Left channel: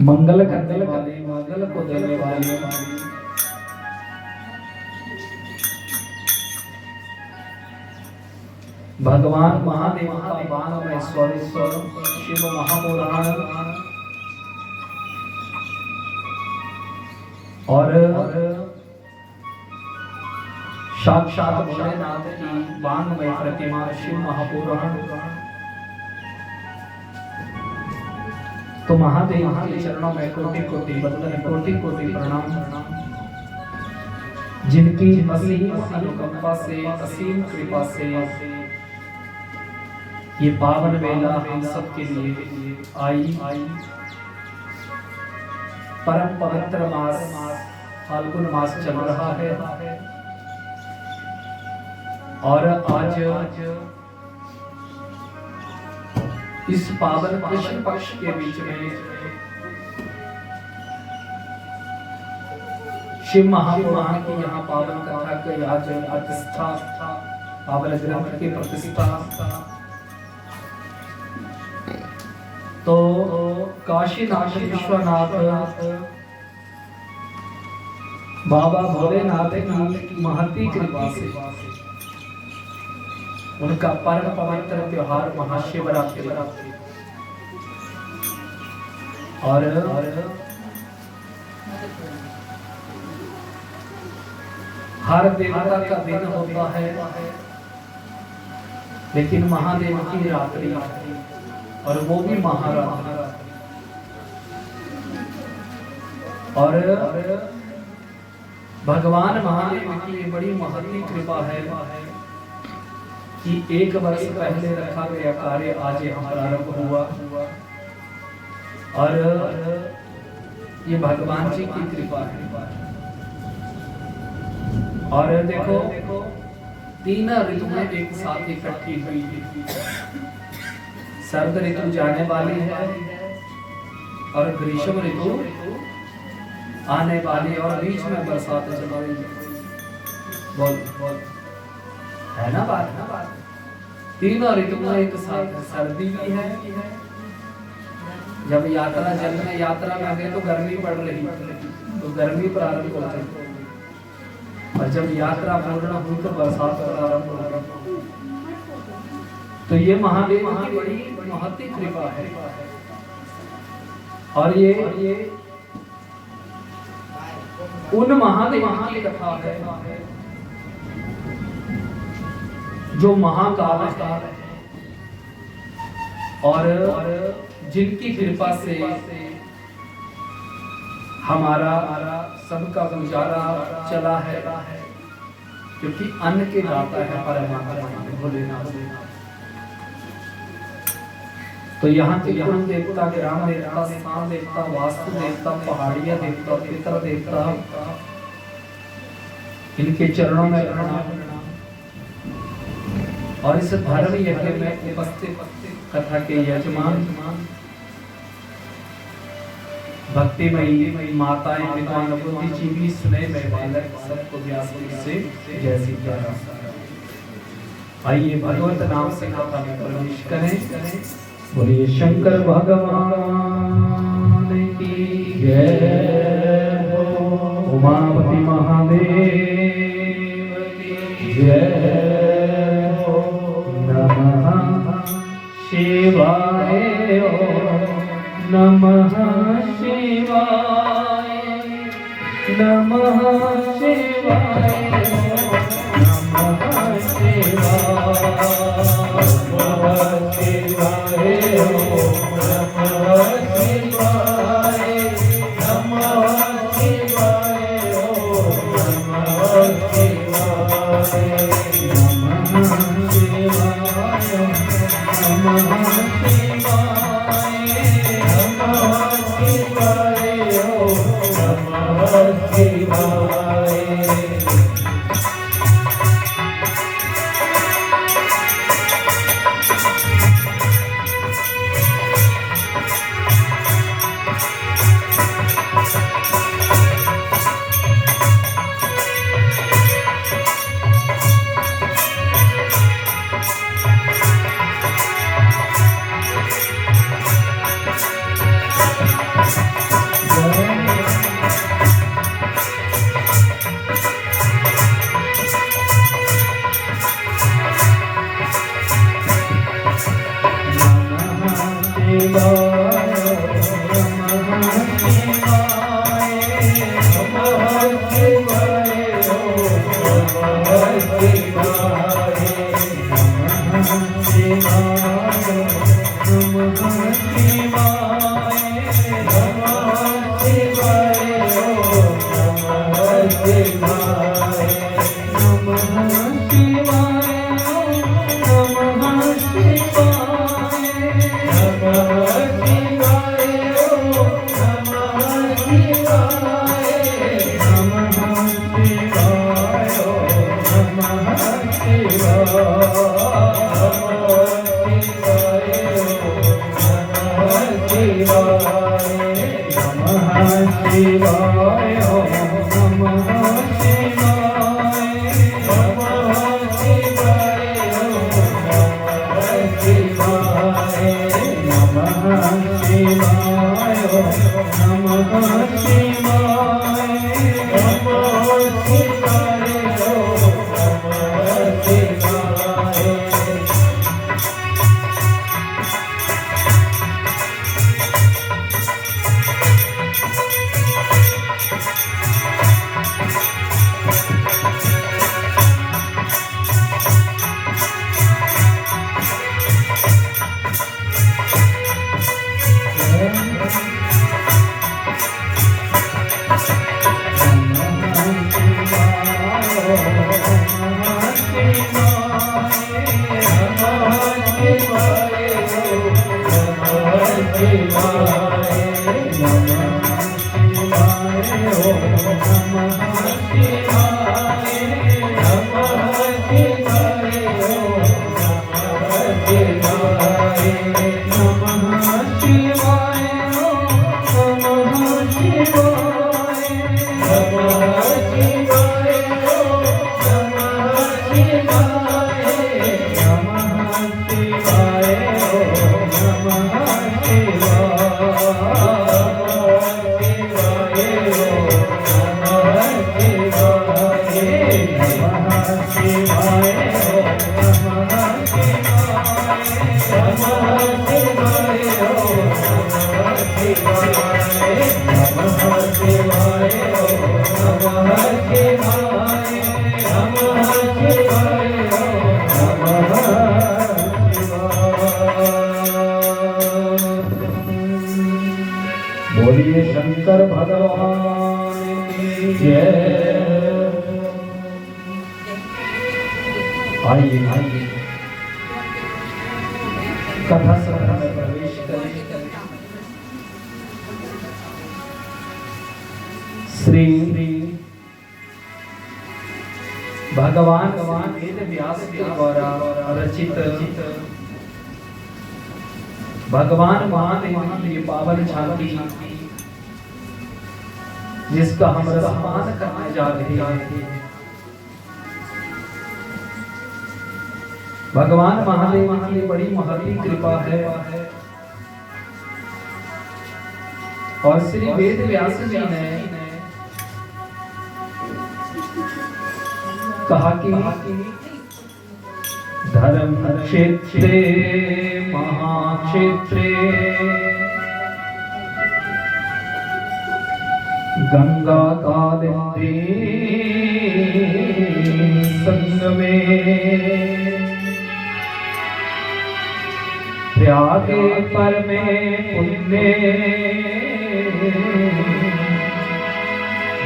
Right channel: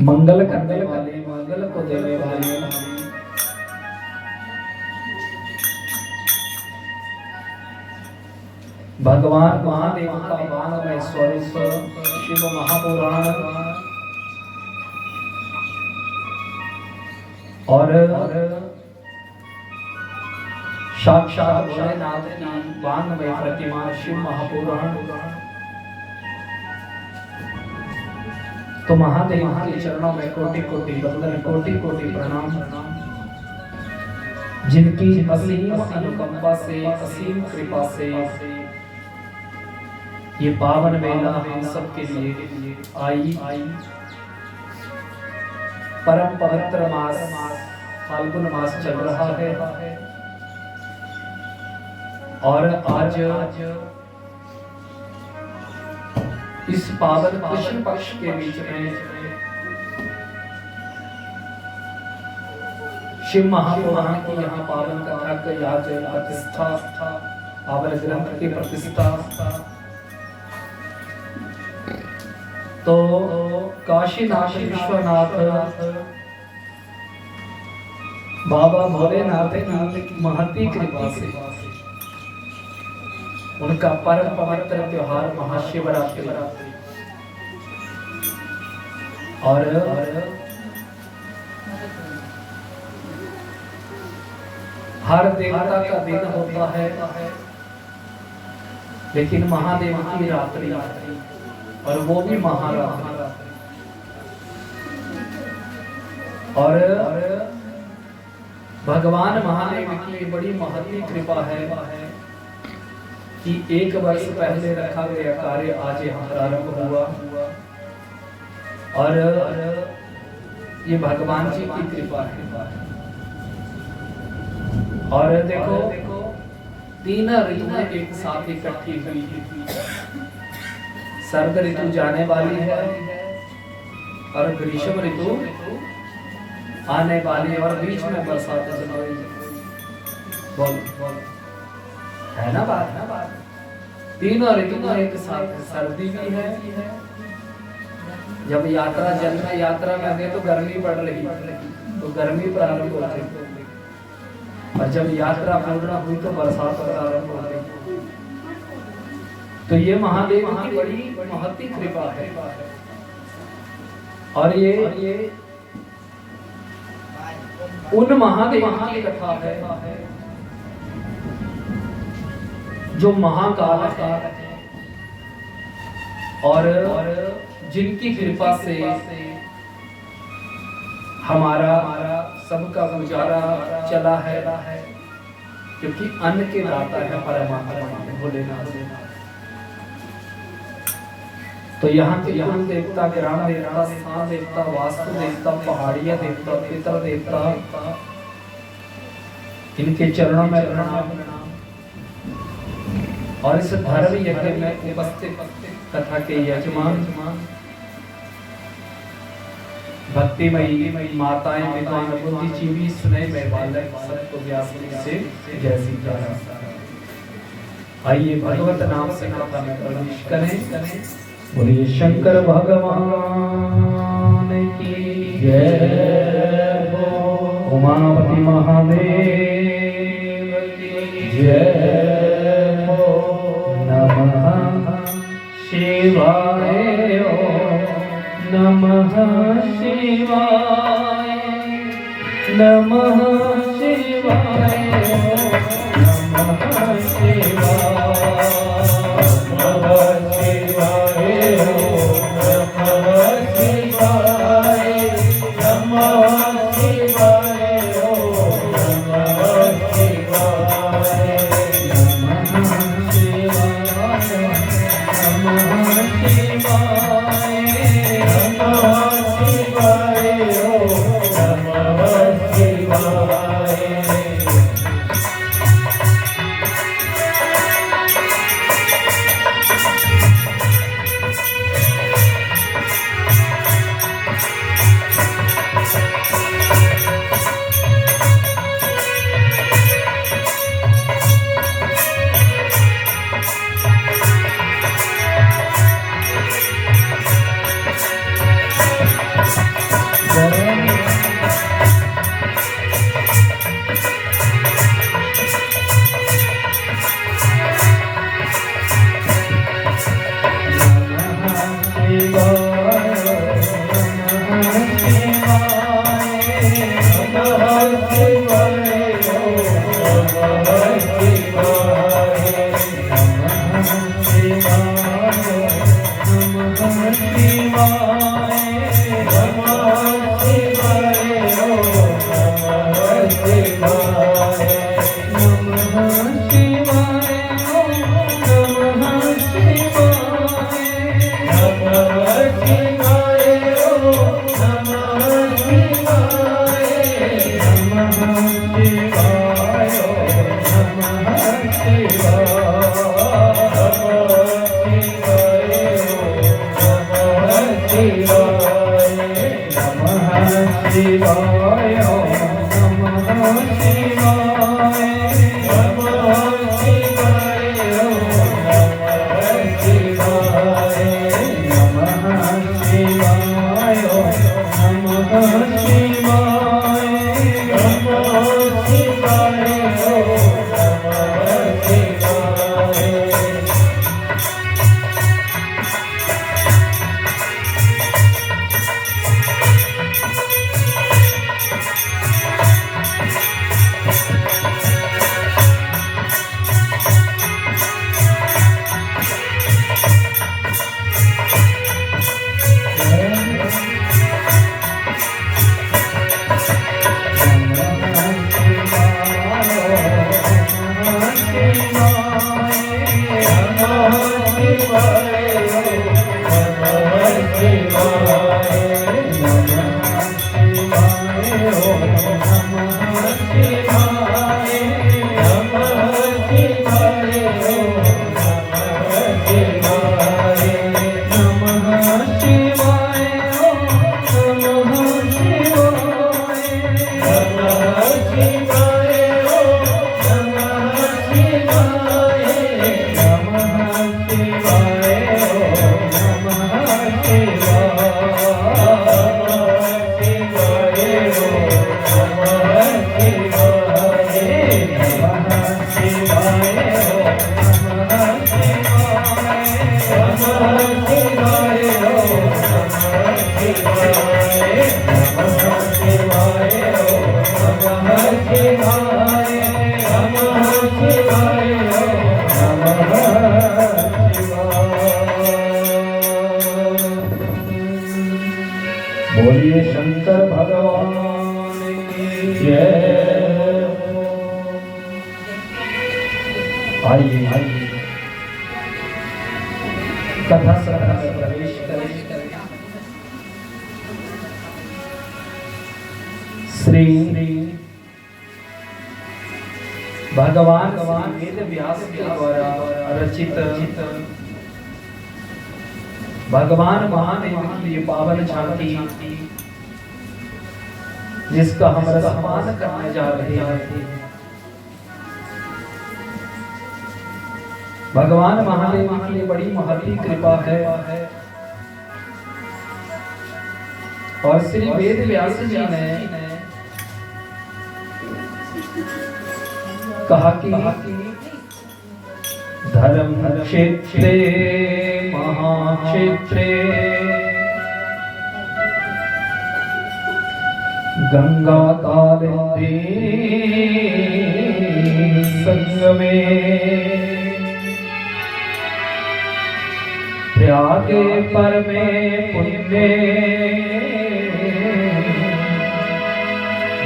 मंगल करने वाली, मंगल को देने वाली भगवान महादेव का वांग में स्वरूप शिव महापुराण और साक्षात भोलेनाथ की वांग में प्रतिमा शिव महापुराण। तो महादेव के चरणों में कोटि कोटि वंदन, कोटि कोटि प्रणाम। जिनकी असीम अनुकंपा से, असीम कृपा से ये पावन वेला हम सब के लिए आई। परम पवित्र मास फाल्गुन मास चल रहा है और आज इस पावन कृष्ण पक्ष के बीच में शिव महापुराण की यहाँ पावन कथा की आज प्रतिष्ठा, पावन ग्रंथ की प्रतिष्ठा। तो काशीनाथ विश्वनाथ बाबा भोलेनाथ की महती कृपा से उनका परम पवित्र त्योहार महाशिवरात्रि और हर देवता का दिन होता है, लेकिन महादेव की रात्रि और वो भी महारात्रि। और भगवान महादेव की बड़ी महती कृपा है कि एक वर्ष पहले रखा गया कार्य आज यहाँ प्रारंभ हुआ और ये भगवान जी की कृपा है। और देखो तीन ऋतुएं एक साथ इकट्ठी हुई है। शरद ऋतु जाने वाली है और ग्रीष्म ऋतु आने वाली और बीच में बरसात चल रही है। बोल है ना बात। तीनों ऋतु एक साथ है। सर्दी भी है, जब यात्रा जल में यात्रा में गए तो गर्मी पड़ रही, तो गर्मी प्रारंभ हो गई, और जब यात्रा पूर्ण हुई तो बरसात प्रारंभ हो गई। तो ये महादेव की बड़ी महती कृपा है। और ये उन महादेव की कथा है जो महाकाल है और जिनकी कृपा से हमारा सबका गुजारा चला है, क्योंकि अन्न के दाता है परमात्मा भोलेनाथ। तो यहाँ के कुल देवता, ग्राम देवता, स्थान देवता, वास्तु देवता, पहाड़िया देवता, पितर देवता, इनके चरणों में प्रणाम। और इस धर्म यज्ञ में उपस्थित कथा के यजमान भक्तिमयी माताएं, विद्वान, बुद्धिजीवी, स्नेह बालक सबको व्यास से जय श्री राम। आइए भगवत नाम से कथा में प्रवेश करें। बोलिए शंकर भगवान की जय, उमापति महादेव की जय। शिवाय नमः शिवाय, नमः शिवाय, नमः शिवाय, नमः शिवाय, नमः शिवाय, नमः शिवाय, नमः बोलिए शंकर भगवान की जय। आइए आइए कथा सभा में प्रवेश करें। श्री भगवान वेद व्यास के द्वारा रचित भगवान महान ये पावन झांकी जिसका हम रसपान करने जा रहे हैं। भगवान महादेव की बड़ी महती कृपा है और श्री वेद व्यास जी ने कहा कि धर्म क्षेत्रे महाक्षेत्रे गंगा कालिंदी संगमे प्रयागे परमे पुण्ये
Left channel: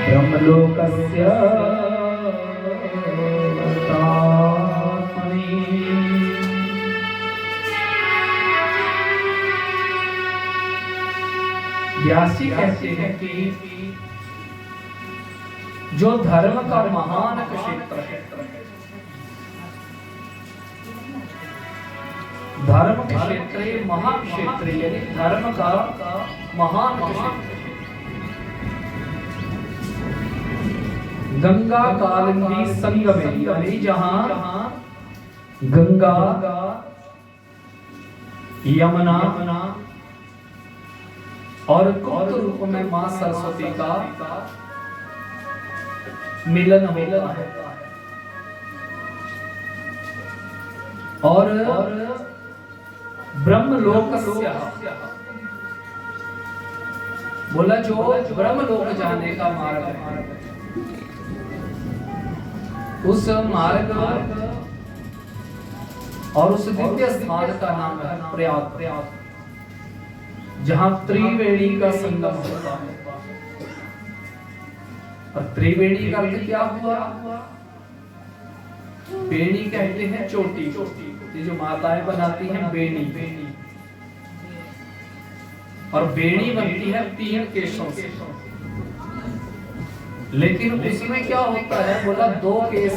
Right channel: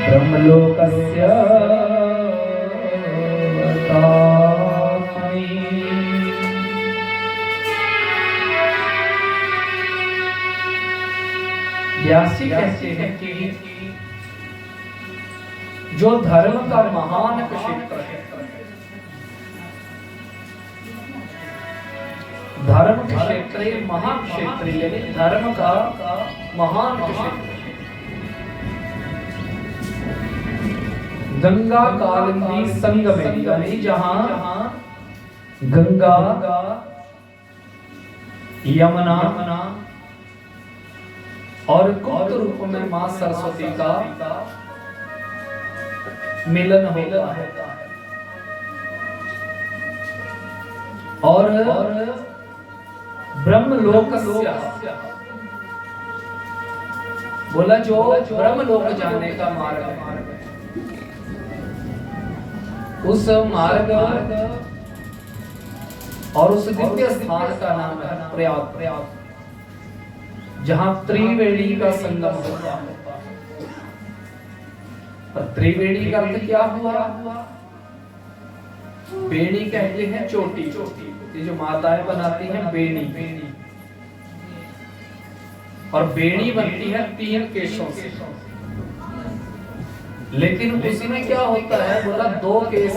ब्रह्मलोकस्य व्यासी कहते हैं कि जो धर्म का महान क्षेत्र है, धर्म क्षेत्र महाक्षेत्र यानी धर्म का महान क्षेत्र, गंगा कालिंदी संगमे यानी जहां गंगा यमुना और गुप्त रूप में मां सरस्वती का मिलन होता है और ब्रह्मलोकस्य, बोला जो ब्रह्मलोक जाने का मार्ग है, उस मार्ग और उस दिव्य स्थान का नाम है प्रयाग, जहां त्रिवेणी का संगम होता है। और त्रिवेणी का अर्थ क्या हुआ? बेणी कहते हैं चोटी, ये जो माताएं बनाती हैं बेणी, और बेणी बनती है 3 केशों से। लेकिन उसी में क्या होता है? बोला 2 केस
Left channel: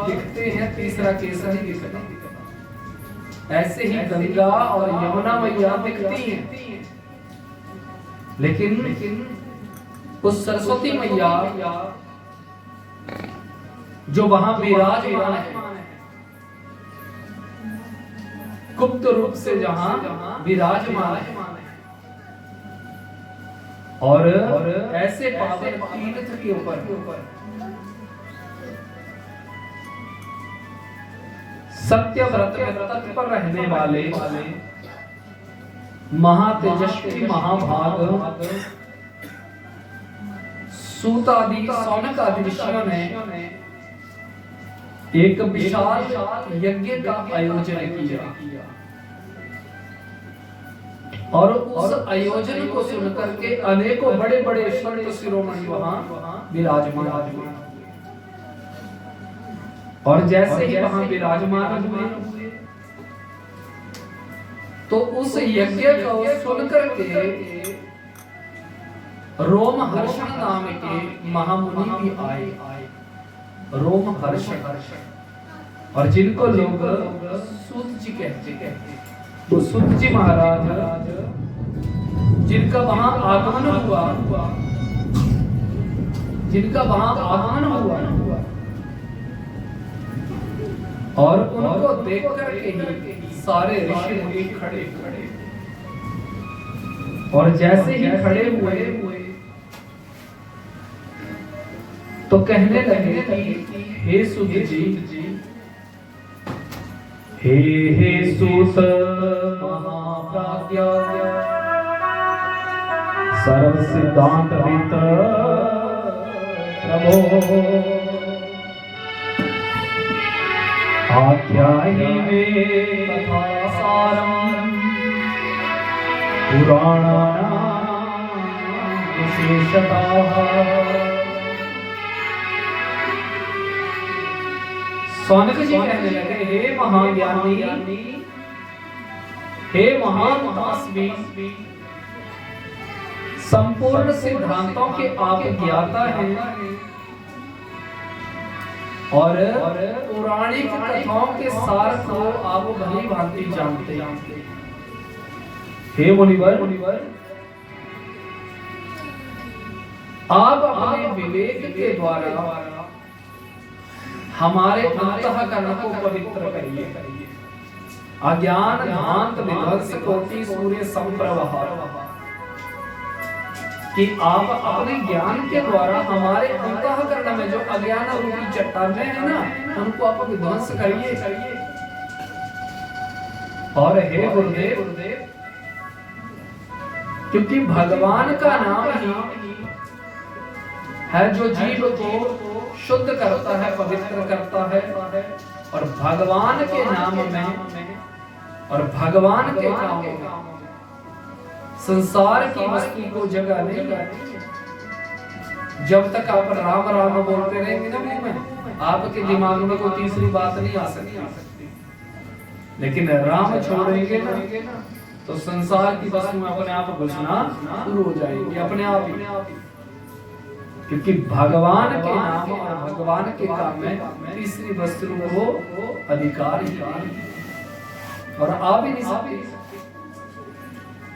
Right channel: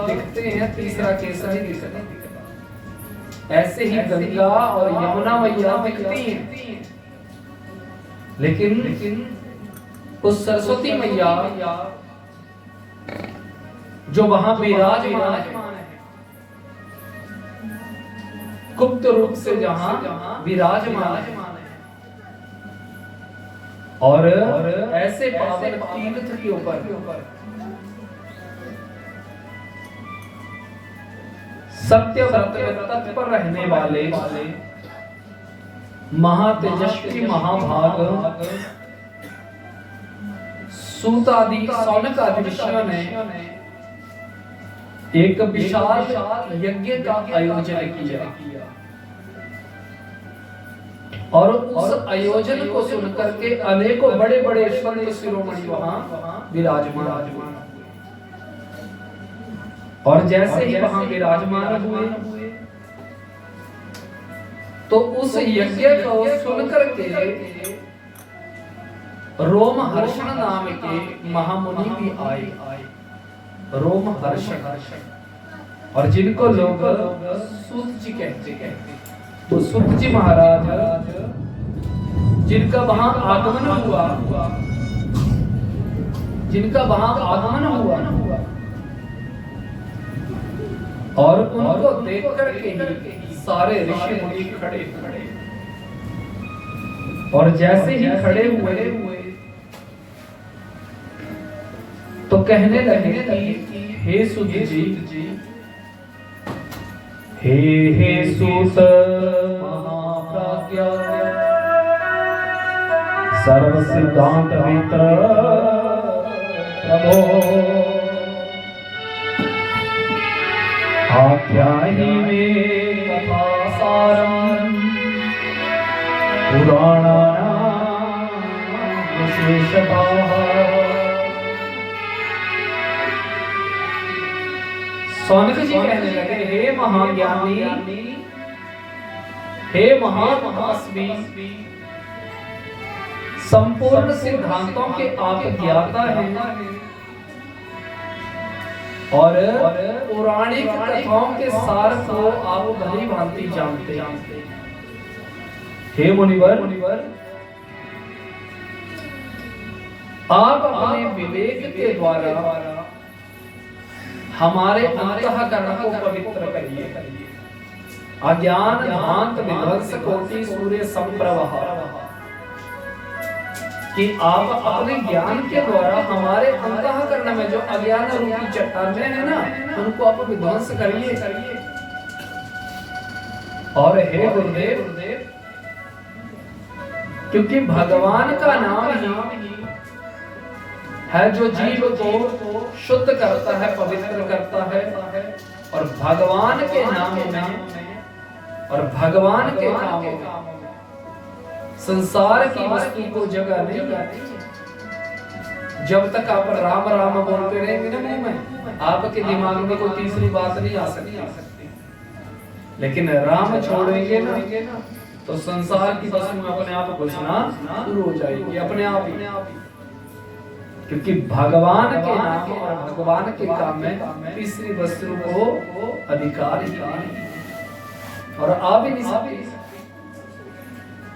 दिखते हैं, तीसरा केस नहीं दिखता। ऐसे ही गंगा और यमुना मैया दिखती हैं, लेकिन उस सरस्वती मैया जो वहां विराजमान है, गुप्त रूप से जहां विराजमान है, और ऐसे पावन तीर्थ के ऊपर सत्य व्रत पर रहने वाले महातेजस्वी महाभाग सूत आदि सौनक आदि ऋषियों ने एक विशाल यज्ञ का आयोजन किया, और उस आयोजन को सुनकर के अनेकों बड़े बड़े संत शिरोमणि वहां विराजमान हुए। और जैसे ही वहां विराजमान हुए तो उस यज्ञ को सुनकर के रोमहर्षण नाम के महामुनि भी आए, रोमहर्षण, और जिनको लोग सूत जी कहते हैं। तो सूत जी महाराज जिनका वहां आगमन हुआ, और उनको देख करके ही सारे ऋषि मुनि खड़े, और जैसे ही खड़े हुए तो कहने लगे कि हे सूत जी, हे सूत महाप्राज्ञ, सर्व सिद्धांत मित्र प्रभो, आख्याहि मे कथा सारम पुराणानां विशेषतः। सौनक जी कहने लगे, हे महाज्ञानी, हे महात्मास्मि, संपूर्ण सिद्धांतों के आप ज्ञाता हैं, और पौराणिक कथाओं के सार को आप भली भांति जानते हैं। हे मुनिवर, आप अपने विवेक के द्वारा हमारे अंतःकरण को पवित्र करिए। अज्ञान भ्रांत विध्वंस कोटि सूर्य संप्रवाह, कि आप अपने ज्ञान के द्वारा हमारे अंतःकरण में जो अज्ञान रूपी चट्टानें हैं ना, उनको आप विध्वंस करिए। और हे गुरुदेव, क्योंकि भगवान का नाम ही है जो जीव को शुद्ध करता है, पवित्र करता है, और भगवान के नाम में और भगवान के काम में संसार की वस्तु को जगह नहीं आती। जब तक आप राम राम बोलते रहेंगे ना मुंह में, आपके दिमाग में कोई तीसरी बात नहीं आ सकती। लेकिन राम छोड़ेंगे ना, तो संसार की वस्तु में अपने आप घुसना शुरू हो जाएगी, अपने आप ही। क्योंकि भगवान के नाम और भगवान के काम में तीसरी वस्तु को अधिकार ही नहीं, और आ भी नहीं सकती।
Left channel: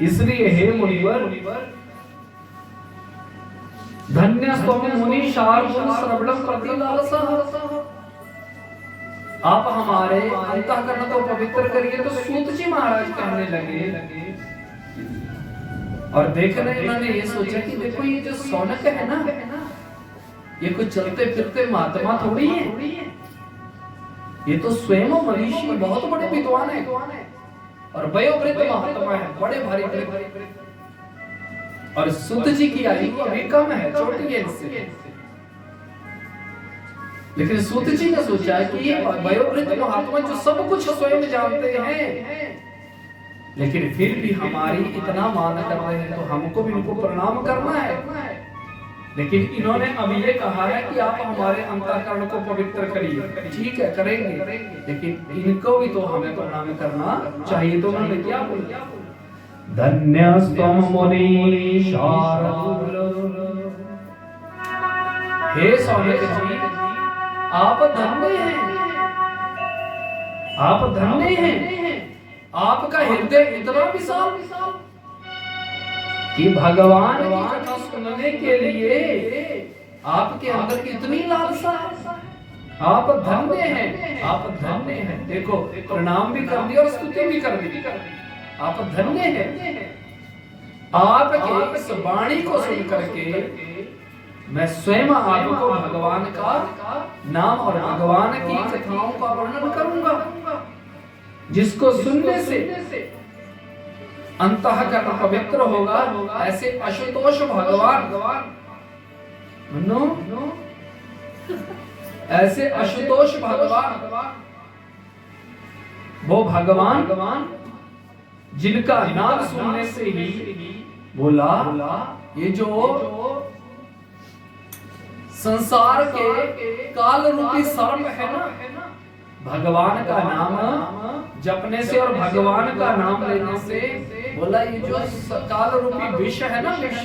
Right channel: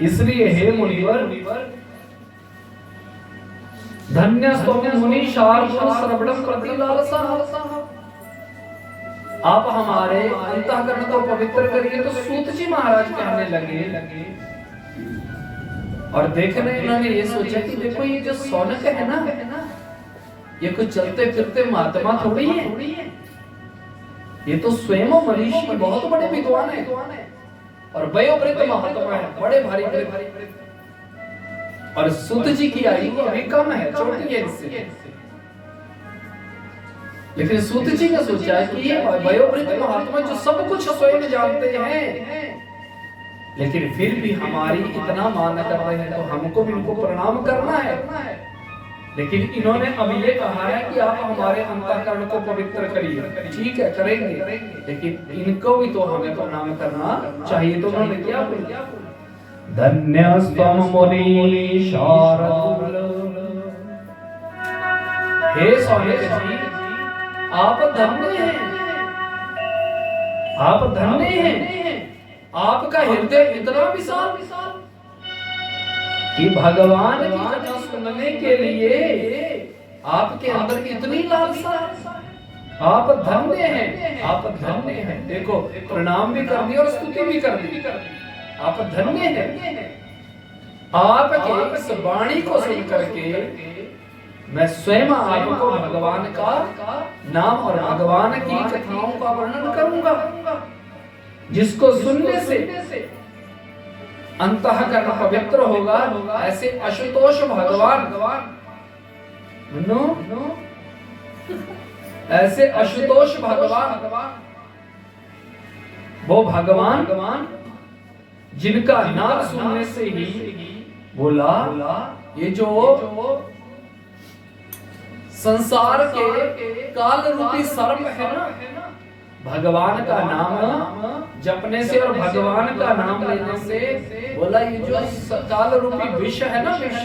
इसलिए हे मुनिवर, धन्य स्वामी मुनि शार्दूल श्रवणम प्रति लालसा, आप हमारे अंतःकरण को पवित्र करिए। तो सूत जी महाराज कहने लगे, और देखने उन्होंने ये सोचा कि देखो ये जो सौनक है ना, ये कोई चलते फिरते महात्मा थोड़ी है, ये तो स्वयं मनीषी बहुत बड़े विद्वान है। और वयोवृद्ध महात्मा है, बड़े भारी वृद्ध। और सूत जी की आयु अभी कम है, छोटी है इससे। लेकिन सूत जी ने सोचा कि ये वयोवृद्ध महात्मा जो सब कुछ स्वयं जानते हैं, लेकिन फिर भी हमारी इतना मान कर रहे हैं, तो हमको भी इनको प्रणाम करना है। लेकिन इन्होंने अब ये कहा है कि आप हमारे अंतःकरण को पवित्र करिए। ठीक है, करेंगे, लेकिन इनको भी तो हमें प्रणाम करना चाहिए। तो उन्होंने क्या बोला? धन्यस्त्वं मुनि शार्दूल। हे सौनक जी, आप धन्य हैं, आप धन्य हैं। आपका हृदय इतना विशाल कि भगवान की कथा सुनने के लिए आपके अंदर इतनी लालसा है। आप धन्य हैं, आप धन्य हैं। देखो, प्रणाम भी कर दिया और स्तुति भी कर दी। आप धन्य हैं। आपके इस वाणी को सुन करके मैं स्वयं आपको भगवान का नाम और भगवान की कथाओं का वर्णन करूंगा, जिसको सुनने से अंतःकरण पवित्र होगा। ऐसे आशुतोष भगवान, ऐसे आशुतोष भगवान, वो भगवान जिनका नाम सुनने से ही बोला, ये जो संसार के काल रूपी सर्प है ना, भगवान का नाम जपने से और भगवान का नाम लेने से बोला, ये जो काल रूपी विष है ना, विष,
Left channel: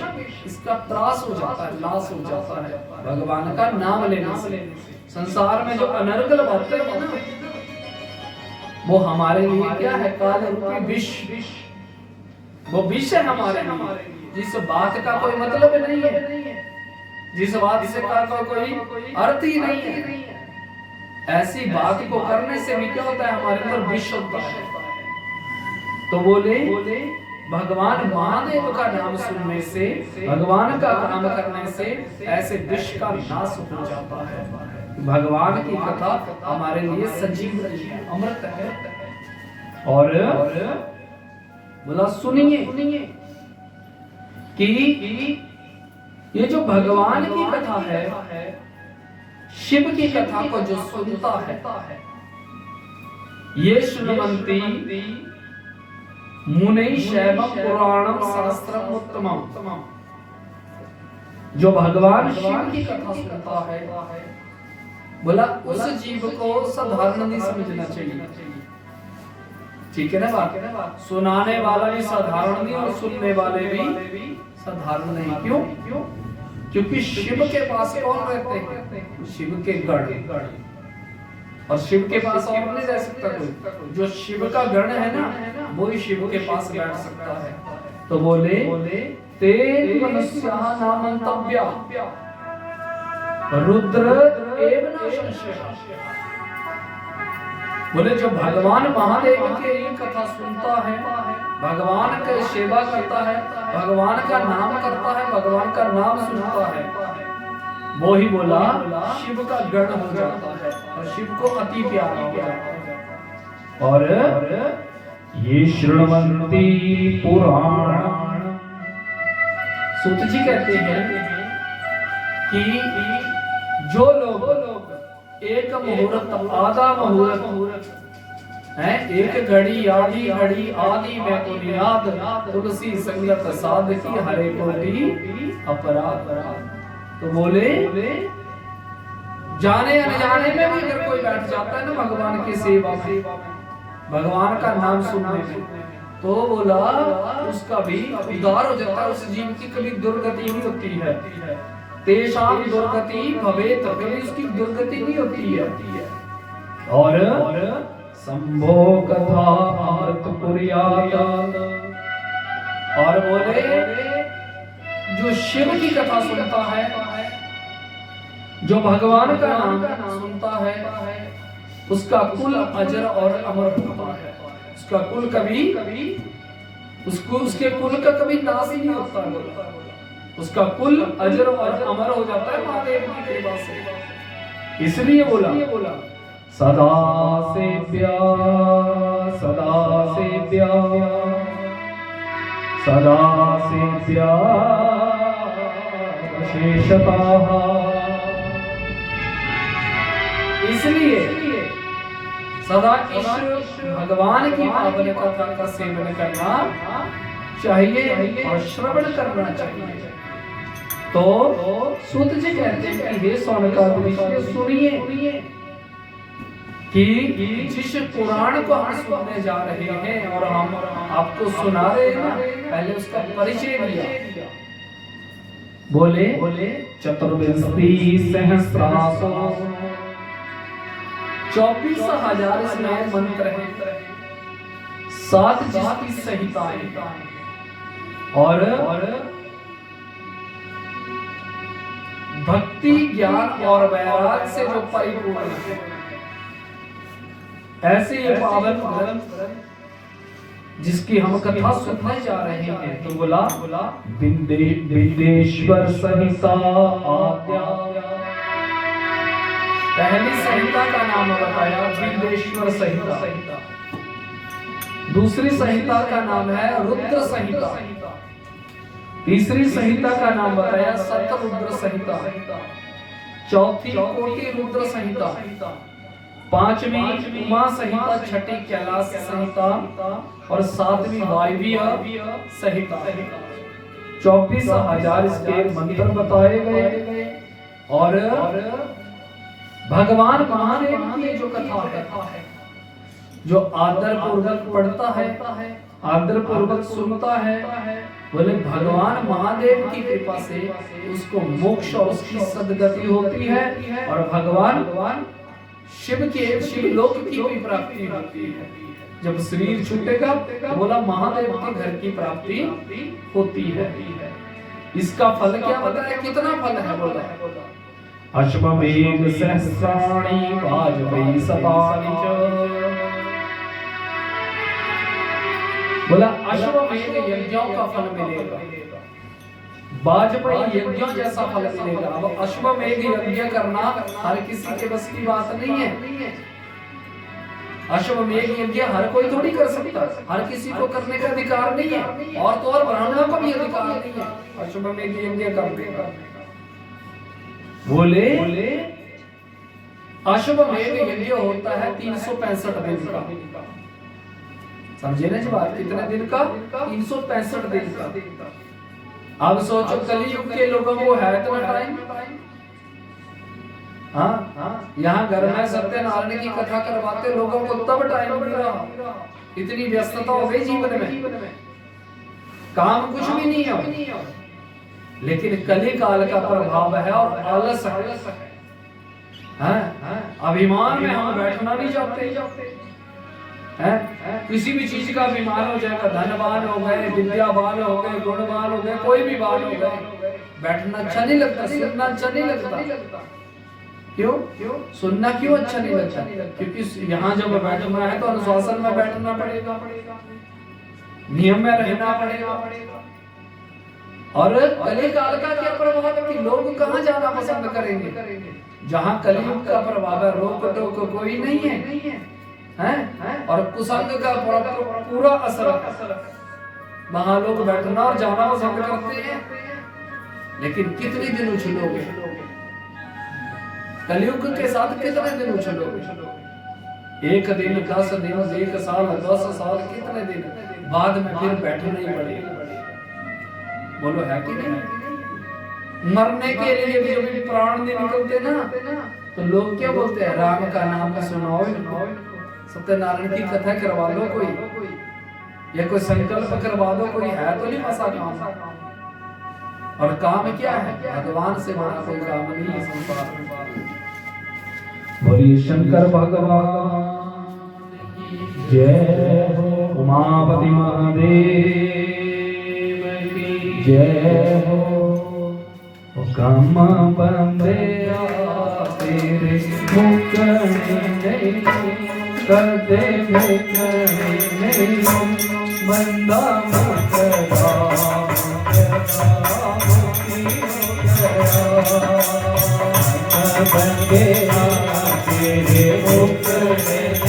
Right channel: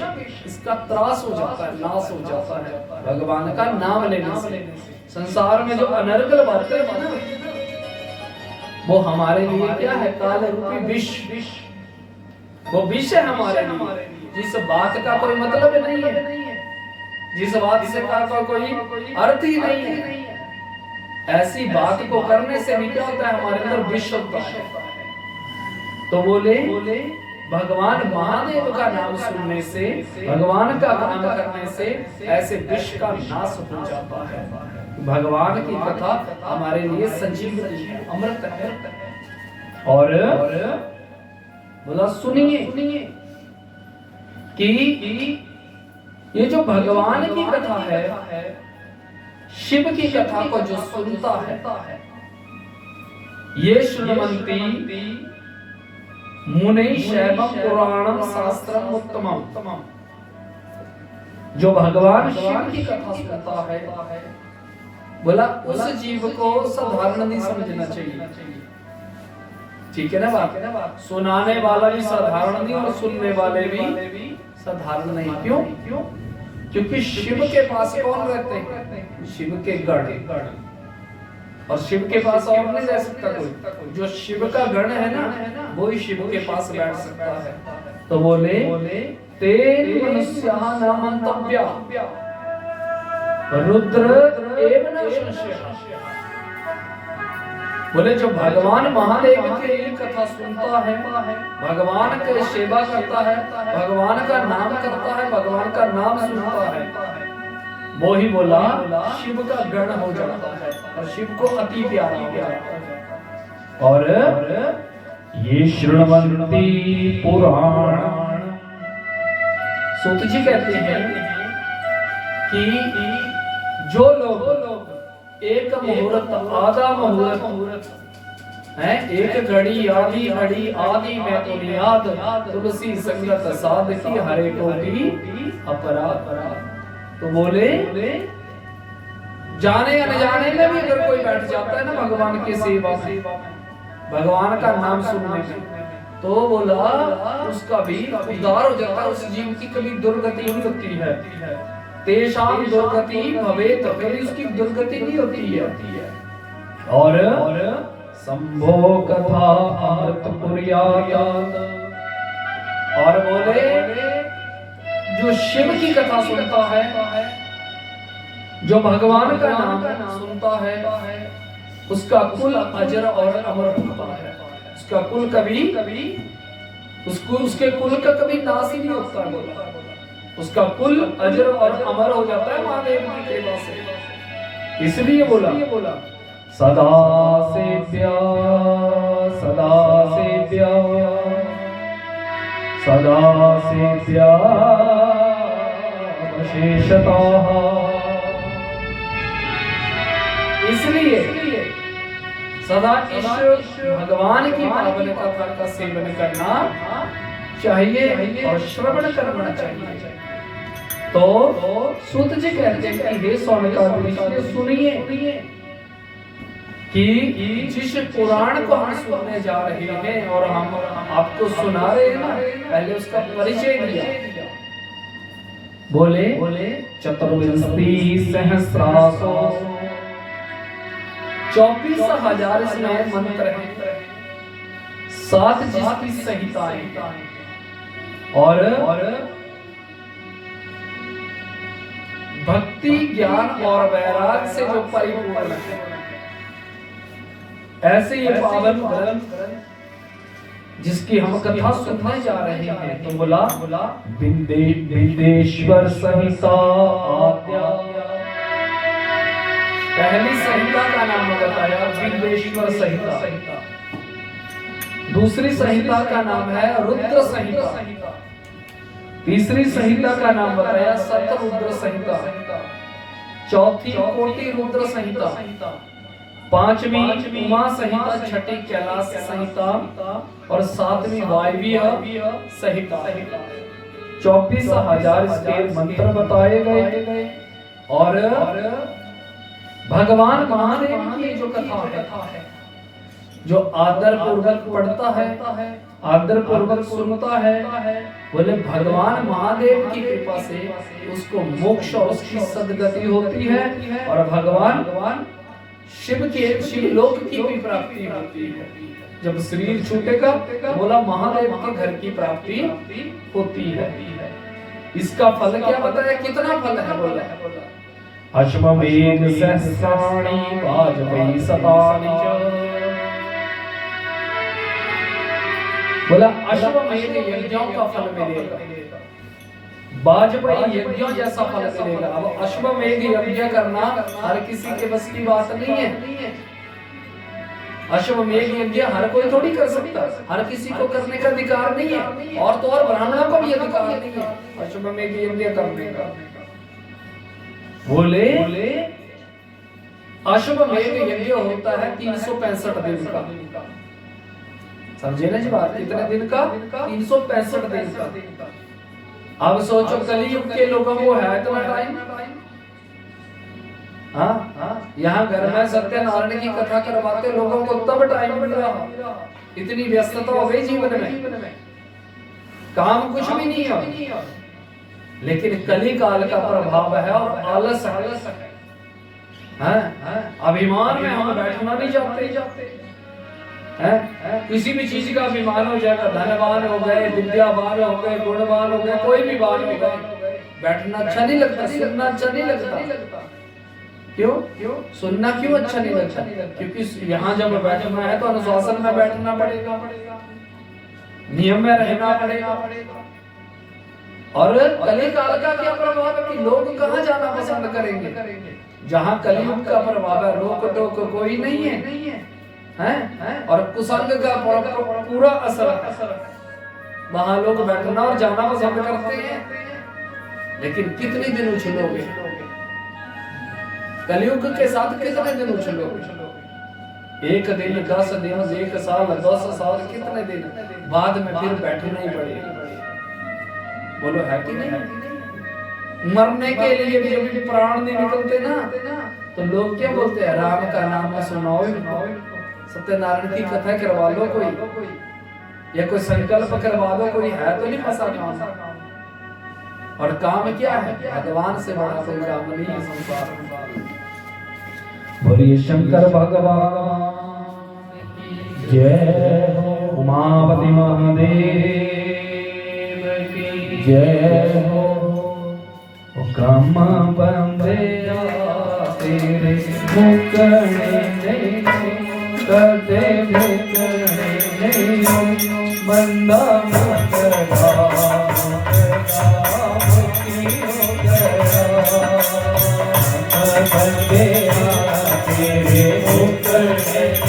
इसका त्रास हो जाता है, नाश हो जाता है भगवान का नाम लेने से। संसार में जो अनर्गल बातें हैं ना, वो हमारे लिए क्या है? काल रूपी विष। वो विष है हमारे लिए, जिस बात का कोई मतलब नहीं है, जिस बात से का कोई अर्थ ही नहीं है। ऐसी बात को करने से भी क्या होता है? हमारे अंदर विष होता है। तो बोले भगवान महादेव का नाम सुनने से, भगवान का काम करने से ऐसे विष का नाश हो जाता है। भगवान की कथा हमारे लिए संजीवनी है, अमृत है। और बोला सुनिए कि ये जो भगवान की कथा है, शिव की कथा को जो सुनता है, ये श्रृण्वन्ति मुनि शैवम पुराणम शास्त्रम उत्तमम। जो भगवान शिव की कथा सुनता है, बोला उस जीव को साधारण नहीं समझना चाहिए। ठीक है ना बात? सुनाने वाला भी साधारण नहीं और सुनने वाले भी साधारण नहीं। क्यों? क्योंकि शिव के पास कौन रहते हैं? शिव के गण। और शिव के पास और नहीं रह सकता कोई। जो शिव का गण है ना, वो ही शिव के पास बैठ सकता है। तो बोले ते मनुष्यानां मंतव्या रुद्र एव न संशयः। बोले जो भगवान महादेव की कथा सुनता है, भगवान की सेवा करता है, भगवान का नाम करता है, भगवान का नाम सुनता है, वो ही बोला शिव का गण हो जाता है और शिव को अति प्यारा हो जाता है। और ये श्रृण्वन्ति पुराण। सूत जी कहते हैं कि जो लोग एक मुहूर्त, आधा मुहूर्त है, एक घड़ी आधी घड़ी आदि में बुनियाद, तुलसी संगत साधकी हरे कोटि अपराध। तो बोले जाने अनजाने में भी अगर कोई बैठ जाता है ना भगवान की सेवा से, भगवान का नाम सुनने में, तो बोला उसका भी उद्धार हो जाता है। उस जीव की कभी दुर्गति नहीं होती है। तेषां दुर्गति भवेत, कभी उसकी दुर्गति नहीं होती है। और संभो कथा अमृत कुर्यात। और बोले जो शिव की कथा सुनता है, जो भगवान का नाम सुनता है, उसका कुल अजर और अमर होता है। उसका कुल कभी उसके कुल का कभी नाश ही नहीं होता। बोला उसका कुल अजर और अमर हो जाता है महादेव की कृपा से। इसलिए बोला सदा सेव्या सदा से प्यार, सदा से प्यार शेषता। इसलिए सदा इस भगवान की पावन कथा का सेवन करना चाहिए और श्रवण करना चाहिए। तो सूत जी कहते हैं कि हे सौनकादि सुनिए कि जिस पुराण को हम सुनने जा रहे हैं और हम आपको सुना रहे हैं ना, पहले उसका परिचय दिया। बोले चतुर्विंशति सहस्रासो, 24,000 इसमें मंत्र हैं, 7 जिसकी संहिताएं और भक्ति ज्ञान और वैराग से जो परिपूर्ण है, ऐसे ये पावन ग्रंथ जिसकी हम कथा सुनने जा रहे हैं। तो बोला विदेश्वर संहिता आद्या, पहली संहिता का नाम बताया विदेश्वर संहिता, दूसरी संहिता का नाम है रुद्र संहिता, तीसरी संहिता का नाम बताया सतरुद्र संहिता, चौथी कोटि रुद्र संहिता, पांचवी उमा संहिता, छठी कैलाश संहिता और 7वीं वायवीय संहिता। 24,000 इसके मंत्र बताए गए और भगवान महादेव की जो कथा है, जो आदर पूर्वक पढ़ता है, आदर पूर्वक सुनता है, बोले भगवान महादेव की कृपा से उसको मोक्ष और उसकी सद्गति होती है और भगवान शिवलोक की भी प्राप्ति होती है। जब शरीर छूटेगा बोला महादेव के घर की प्राप्ति होती है। इसका फल क्या बताया, कितना फल है बोला अश्वमेध सहस्राणि वाजपेयी शतानि च, बोला अश्वमेध यज्ञों का फल मिलेगा, वाजपेयी यज्ञों जैसा फल मिलेगा। अब अश्वमेध यज्ञ करना हर किसी के बस की बात नहीं है। अश्वमेध यज्ञ हर कोई थोड़ी कर सकता, हर किसी को करने का अधिकार नहीं है, और तो और ब्राह्मणों को भी अधिकार नहीं है अश्वमेध यज्ञ करने का। बोले अश्वमेध यज्ञ होता है 365 दिन का, समझे ना जी बात, कितने दिन का, 365 दिन का। अब सोचो कलयुग के लोगों को है इतना टाइम, हाँ यहाँ घर में सत्यनारायण की कथा करवाते लोगों को तब टाइम मिल रहा, इतनी व्यस्तता हो गई जीवन में, काम कुछ भी नहीं है। लेकिन कली काल का प्रभाव है और आलस है, अभिमान में हम बैठना नहीं चाहते हैं। किसी भी चीज का अभिमान हो जाएगा, धनवान हो गए, विद्यावान हो गए, गुणवान हो गए, कोई भी वान हो गए, बैठना अच्छा नहीं लगता, सुनना अच्छा नहीं लगता। क्यों सुनना क्यों अच्छा नहीं लगता? क्योंकि यहाँ जब बैठना है तो अनुशासन में बैठना पड़ेगा, नियम में रहना पड़ेगा। और कलिकाल का क्या प्रभाव है कि लोग कहाँ जाना पसंद करेंगे? जहाँ कलियुग का प्रभाव है, रोक टोक कोई नहीं है, हैं? और कुसंग का पूरा असर है, वहां लोग बैठना और जाना पसंद करते हैं। लेकिन कितने दिन उछलोगे कलियुग के साथ, कितने दिन उछलोगे? 1 दिन, 10 दिन, 1 साल, 10 साल, कितने दिन बाद में फिर बैठना ही पड़ेगा। बोलो है कि नहीं? मरने के लिए भी जब प्राण नहीं निकलते ना, तो लोग क्या बोलते हैं, राम का नाम सुनाओ, सत्यनारायण की कथा करवा दो कोई, या कोई संकल्प करवा दो कोई, है तो नहीं फंसा काम। और काम क्या है? भगवान से बड़ा कोई काम नहीं है संसार में। बोलिए शंकर भगवान जय, उमापति महादेव की जय हो। कम बंदे तेरे मुकरने कदे मुकरने बंदा मुकरा बंदे तेरे मुकरने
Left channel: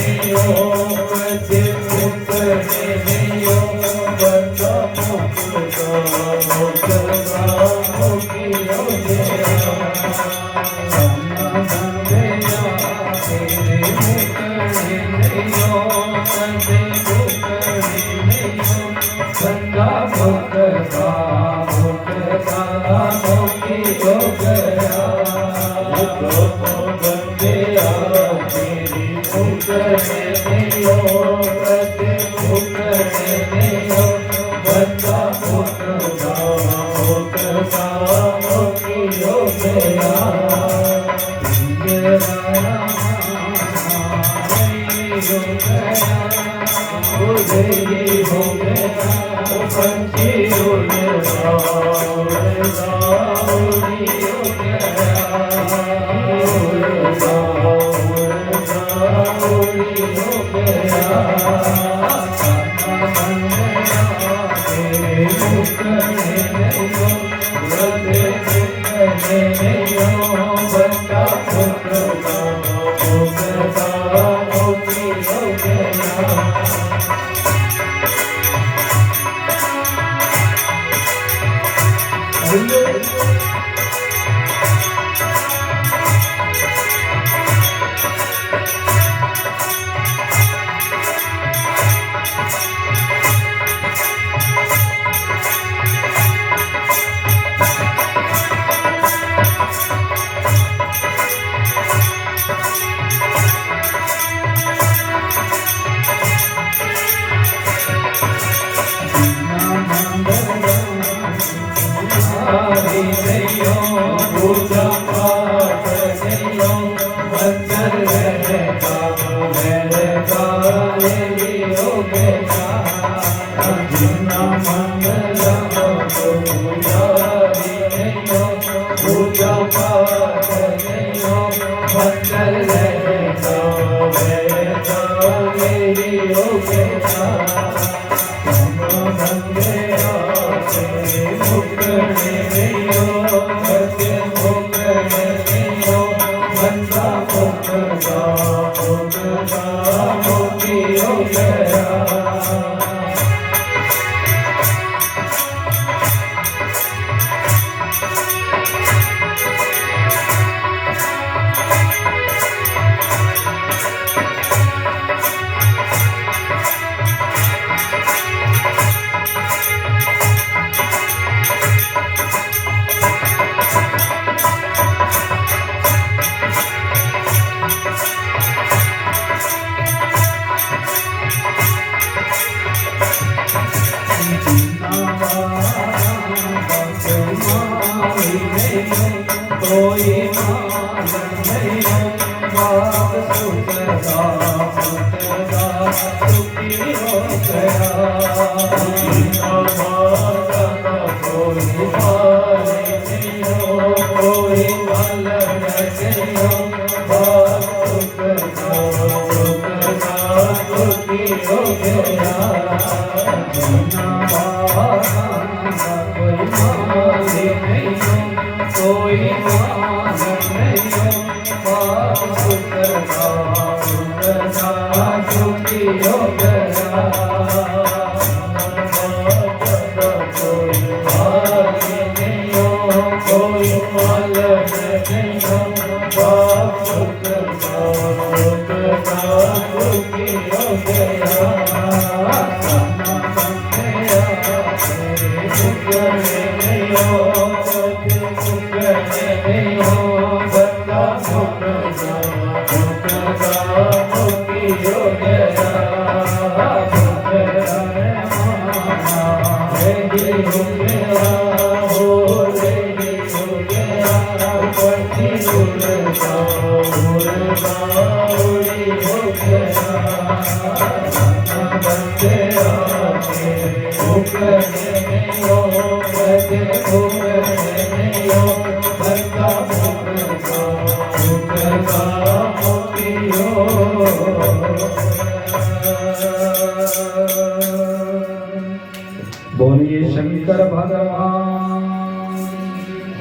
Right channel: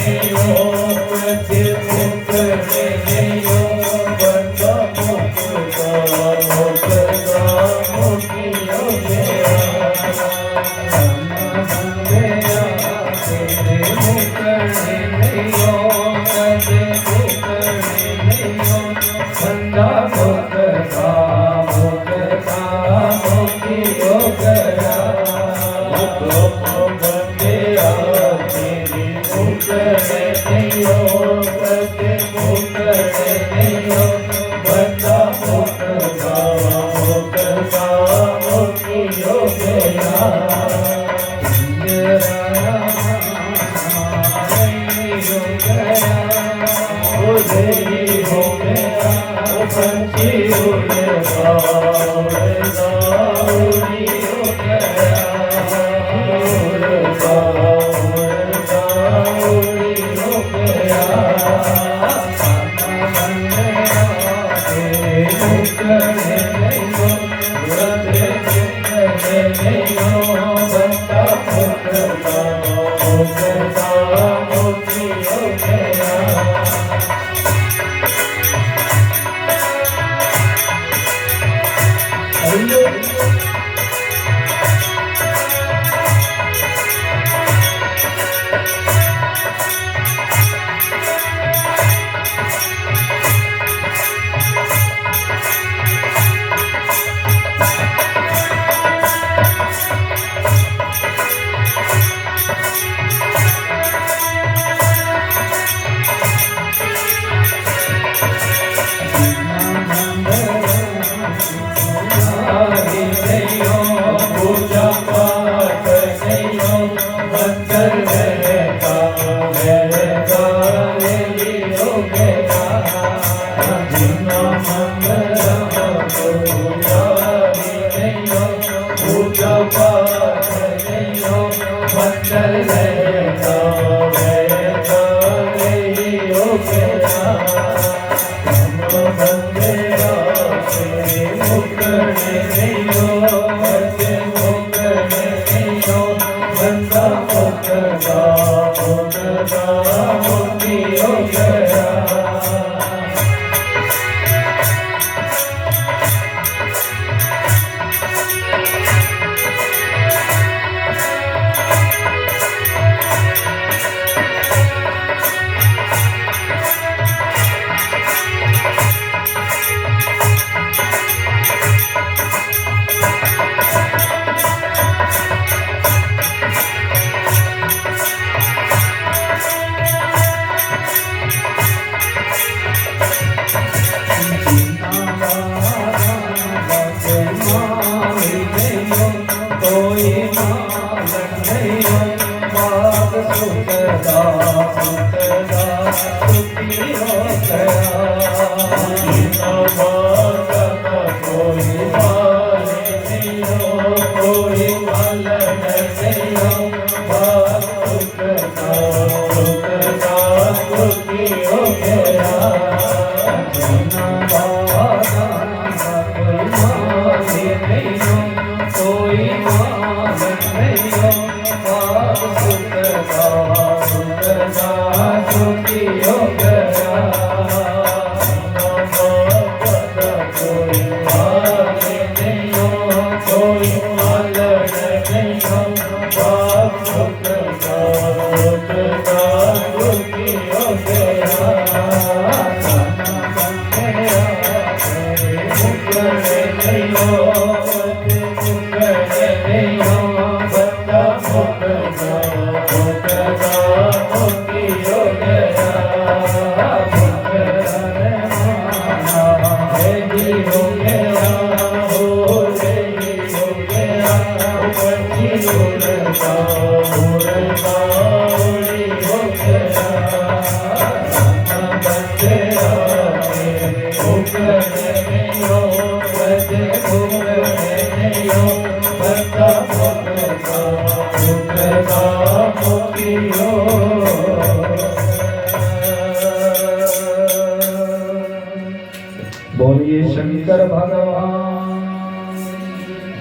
बोलिए शंकर भगवान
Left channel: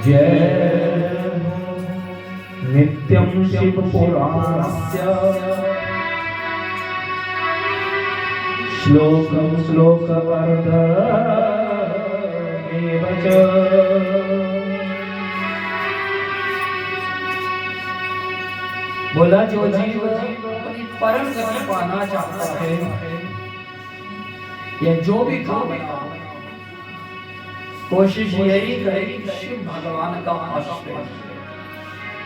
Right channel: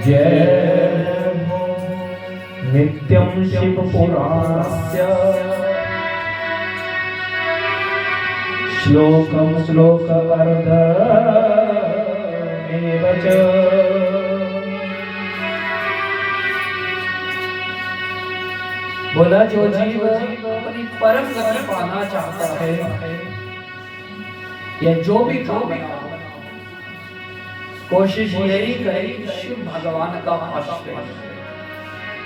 जय। नित्यं शिव पुराणस्य श्लोकं श्लोकवर्धमेव च बोला जो जीव अपनी परम गति पाना चाहता है या जो भी काम कोशिश यही करे शिव भगवान का आश्रय।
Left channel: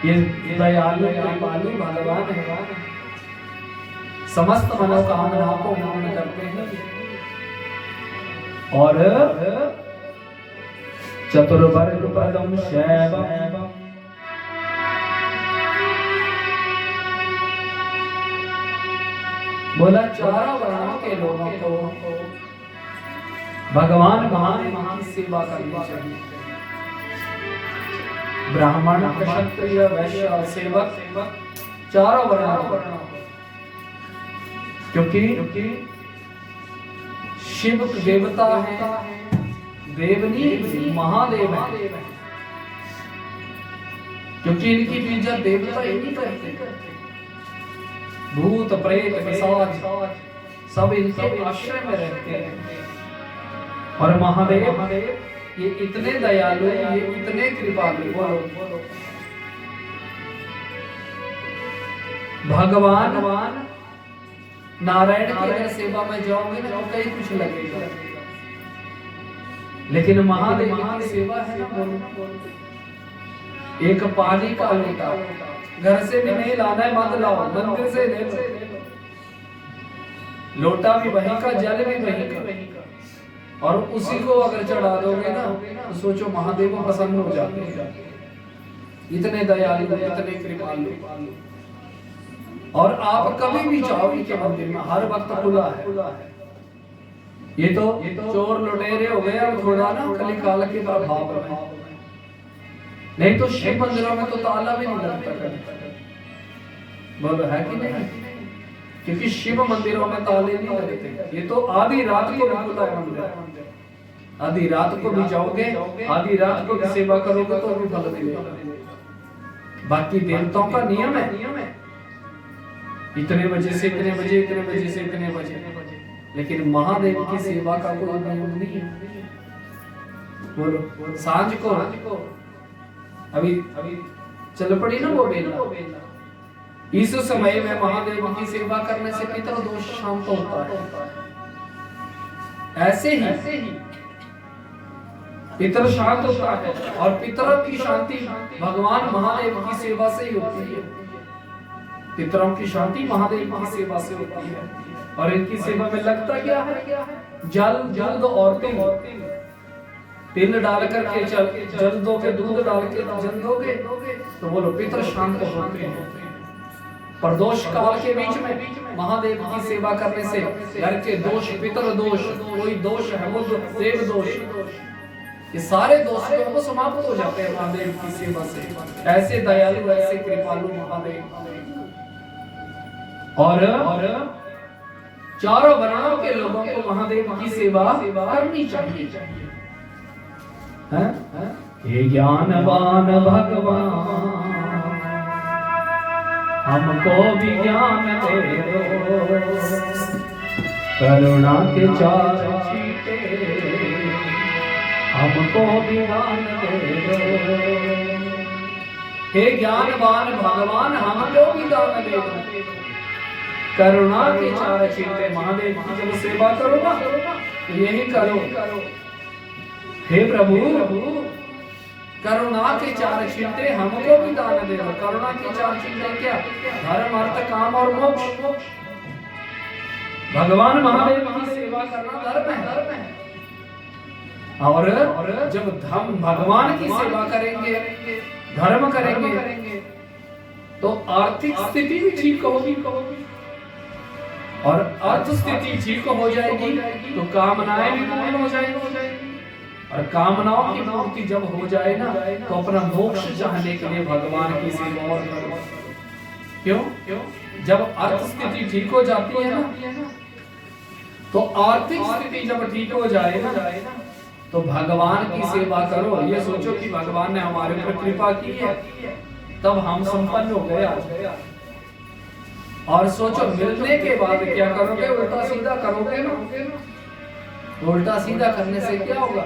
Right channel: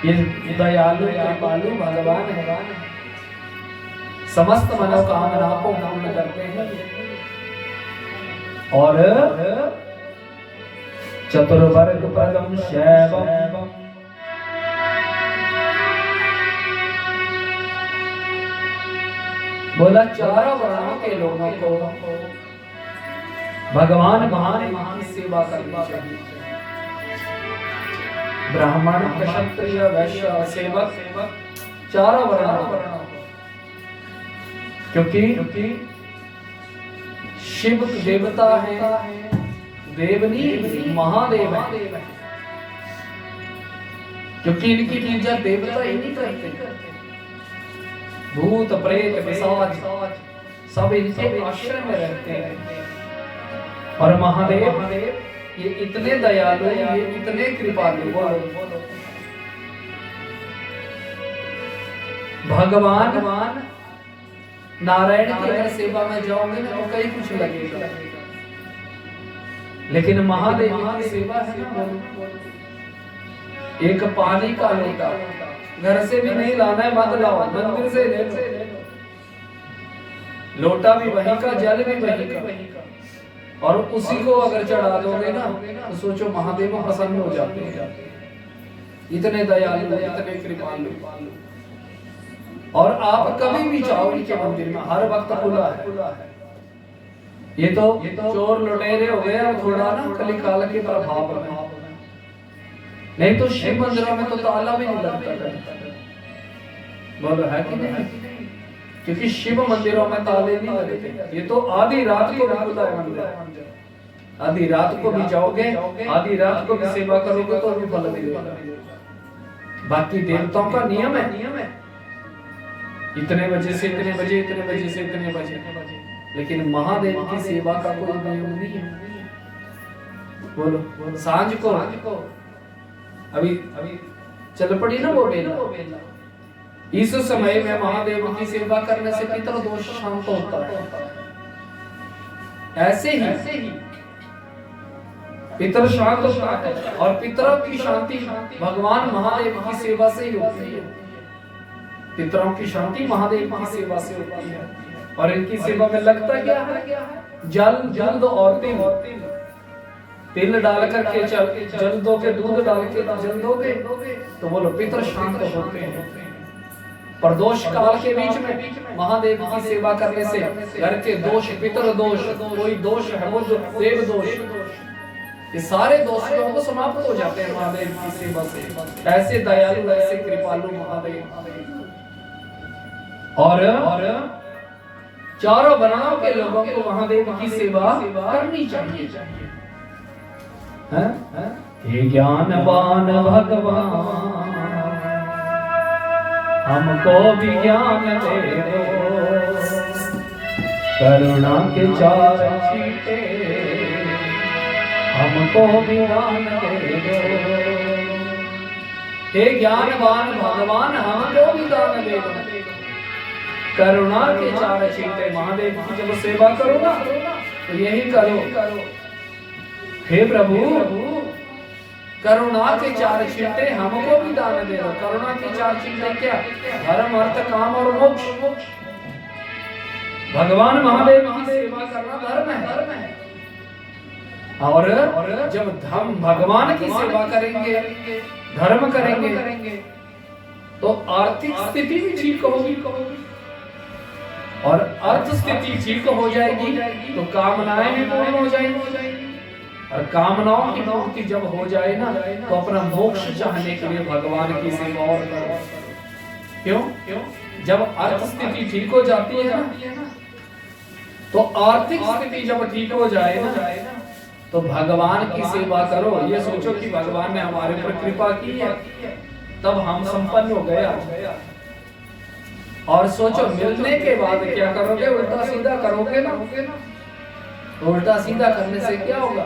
ये दयालु कृपालु भगवान है, समस्त मनोकामनाओं को पूर्ण करते हैं और चतुर्वर्ग पदम शैवम बोला चारों वर्णों के लोगों को भगवान महादेव की सेवा करनी चाहिए। ब्राह्मण, क्षत्रिय, वैश्य और सेवक चारों वर्णों, क्योंकि शिव देवता है, देवनी महादेव है, क्योंकि इनकी पूजा देवता ही नहीं करते। भूत प्रेत पिशाच सब इनके आश्रय में रहते हैं। और महादेव ये इतने दयालु, ये इतने कृपालु। बोलो भगवान नारायण की अगर सेवा में जाओगे ना तो कई कुछ लगेगा, लेकिन महादेव की सेवा है ना, एक पानी का लोटा घर से भी नहीं लाना है, मत लाओ, मंदिर से ले लो। लोटा भी वही का, जल भी वही का, और उसी को अगर चढ़ा दोगे ना तो सोचो महादेव प्रसन्न हो जाते हैं। इतने दयालु, इतने कृपालु। और आप कभी भी जाओ इनके मंदिर में, हर वक्त खुला है। ये तो चोर लुटेरे हो गए थोड़ा ना कली काल के प्रभाव में, नहीं तो शिव मंदिरों में तो ताला भी नहीं लगता। बोलो है कि नहीं? क्योंकि शिव मंदिरों में ताले नहीं लगते। ये तो आधी रात को भी खुला है मंदिर, आधी रात को भी जाओगे, आधी रात को भी सेवा करोगे तो भी फल मिलेगा। बाकी देवताओं का नियम है इतने बजे से इतने बजे, इतने बजे से इतने बजे, लेकिन महादेव की सेवा का कोई नियम नहीं है। बोलो सांझ को अभी चल पड़ी ना वो बेला, इस समय में महादेव की सेवा करने से पितर दोष शांत होता है। ऐसे ही पितर शांत होता है, और पितरों की शांति भगवान महादेव की सेवा से ही होती है। पितरों की शांति महादेव की सेवा से होती है। और इनकी सेवा में लगता क्या है? जल, दूध और तिल डाल करके जल दोगे, दूध डाल के जल दोगे तो बोलो पितर शांत होते हैं। प्रदोष काल के बीच में महादेव की सेवा करने से घर के दोष, पितर दोष, कोई दोष है वो देव दोष, ये सारे दोषों को समाप्त हो जाते हैं महादेव की सेवा से। ऐसे दयालु, ऐसे कृपालु महादेव। और चारों वर्णों के लोगों को महादेव की सेवा करनी चाहिए। हे ज्ञानवान भगवान हमको भी ज्ञान दे दो, करुणा के चार छींटे हमको भी ज्ञान दे दो। हे ज्ञानवान भगवान हमको भी दान दे दो, करुणा के चार छींटे। महादेव की जब सेवा करो ना तो यही करो, हे प्रभु करुणा के चार छींटे हमको भी दान दे दो। करुणा के चार छींटे क्या? धर्म, अर्थ, काम और मोक्ष। भगवान महादेव की सेवा करना धर्म है। और जब हम भगवान की सेवा करेंगे, धर्म करेंगे, तो आर्थिक स्थिति भी ठीक होगी, और अर्थ स्थिति ठीक हो जाएगी तो कामनाएं भी पूर्ण हो जाएंगी। और कामनाओं की पूर्ति जब हो जाए ना तो अपना मोक्ष चाहने के लिए भगवान की सेवा और करो। क्यों? जब अर्थ स्थिति ठीक हो जाती है ना तो आर्थिक स्थिति जब ठीक हो जाए ना तो भगवान की सेवा करो। ये सोचो कि भगवान ने हमारे ऊपर कृपा की है तब हम संपन्न हो गए। और सोचो मिलने के बाद क्या करोगे? उल्टा सीधा करोगे ना तो उल्टा सीधा करने से क्या होगा?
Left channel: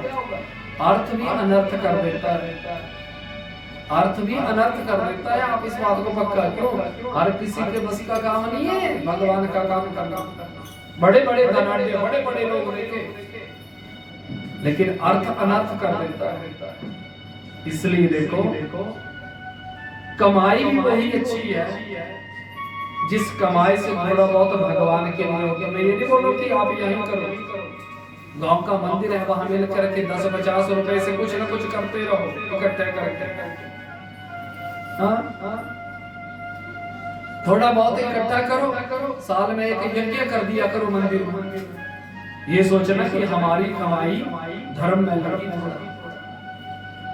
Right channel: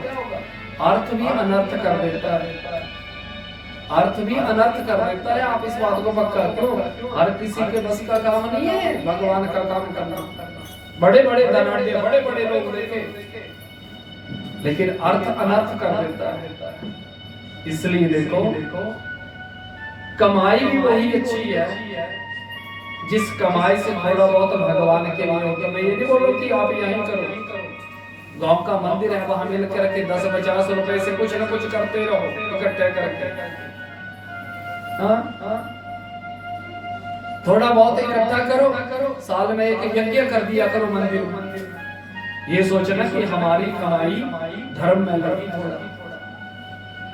अर्थ भी अनर्थ कर देता है, अर्थ भी अनर्थ कर देता है। आप इस बात को पक्का करो, हर किसी के बस का काम नहीं है भगवान का काम करना। बड़े बड़े धनाढ्य, बड़े बड़े लोग देखे, लेकिन अर्थ अनर्थ कर देता है। इसलिए देखो कमाई भी वही अच्छी है जिस कमाई से थोड़ा बहुत भगवान के लिए होगा। मैं ये नहीं बोल रहा कि आप यही करो, गांव का मंदिर है वहां मिल करके 10-50 रुपए से कुछ ना कुछ करते रहो इकट्ठे करके। थोड़ा बहुत इकट्ठा करो, साल में एक यज्ञ कर दिया करो मंदिर में, ये सोचना कि हमारी कमाई धर्म में लगी थोड़ा,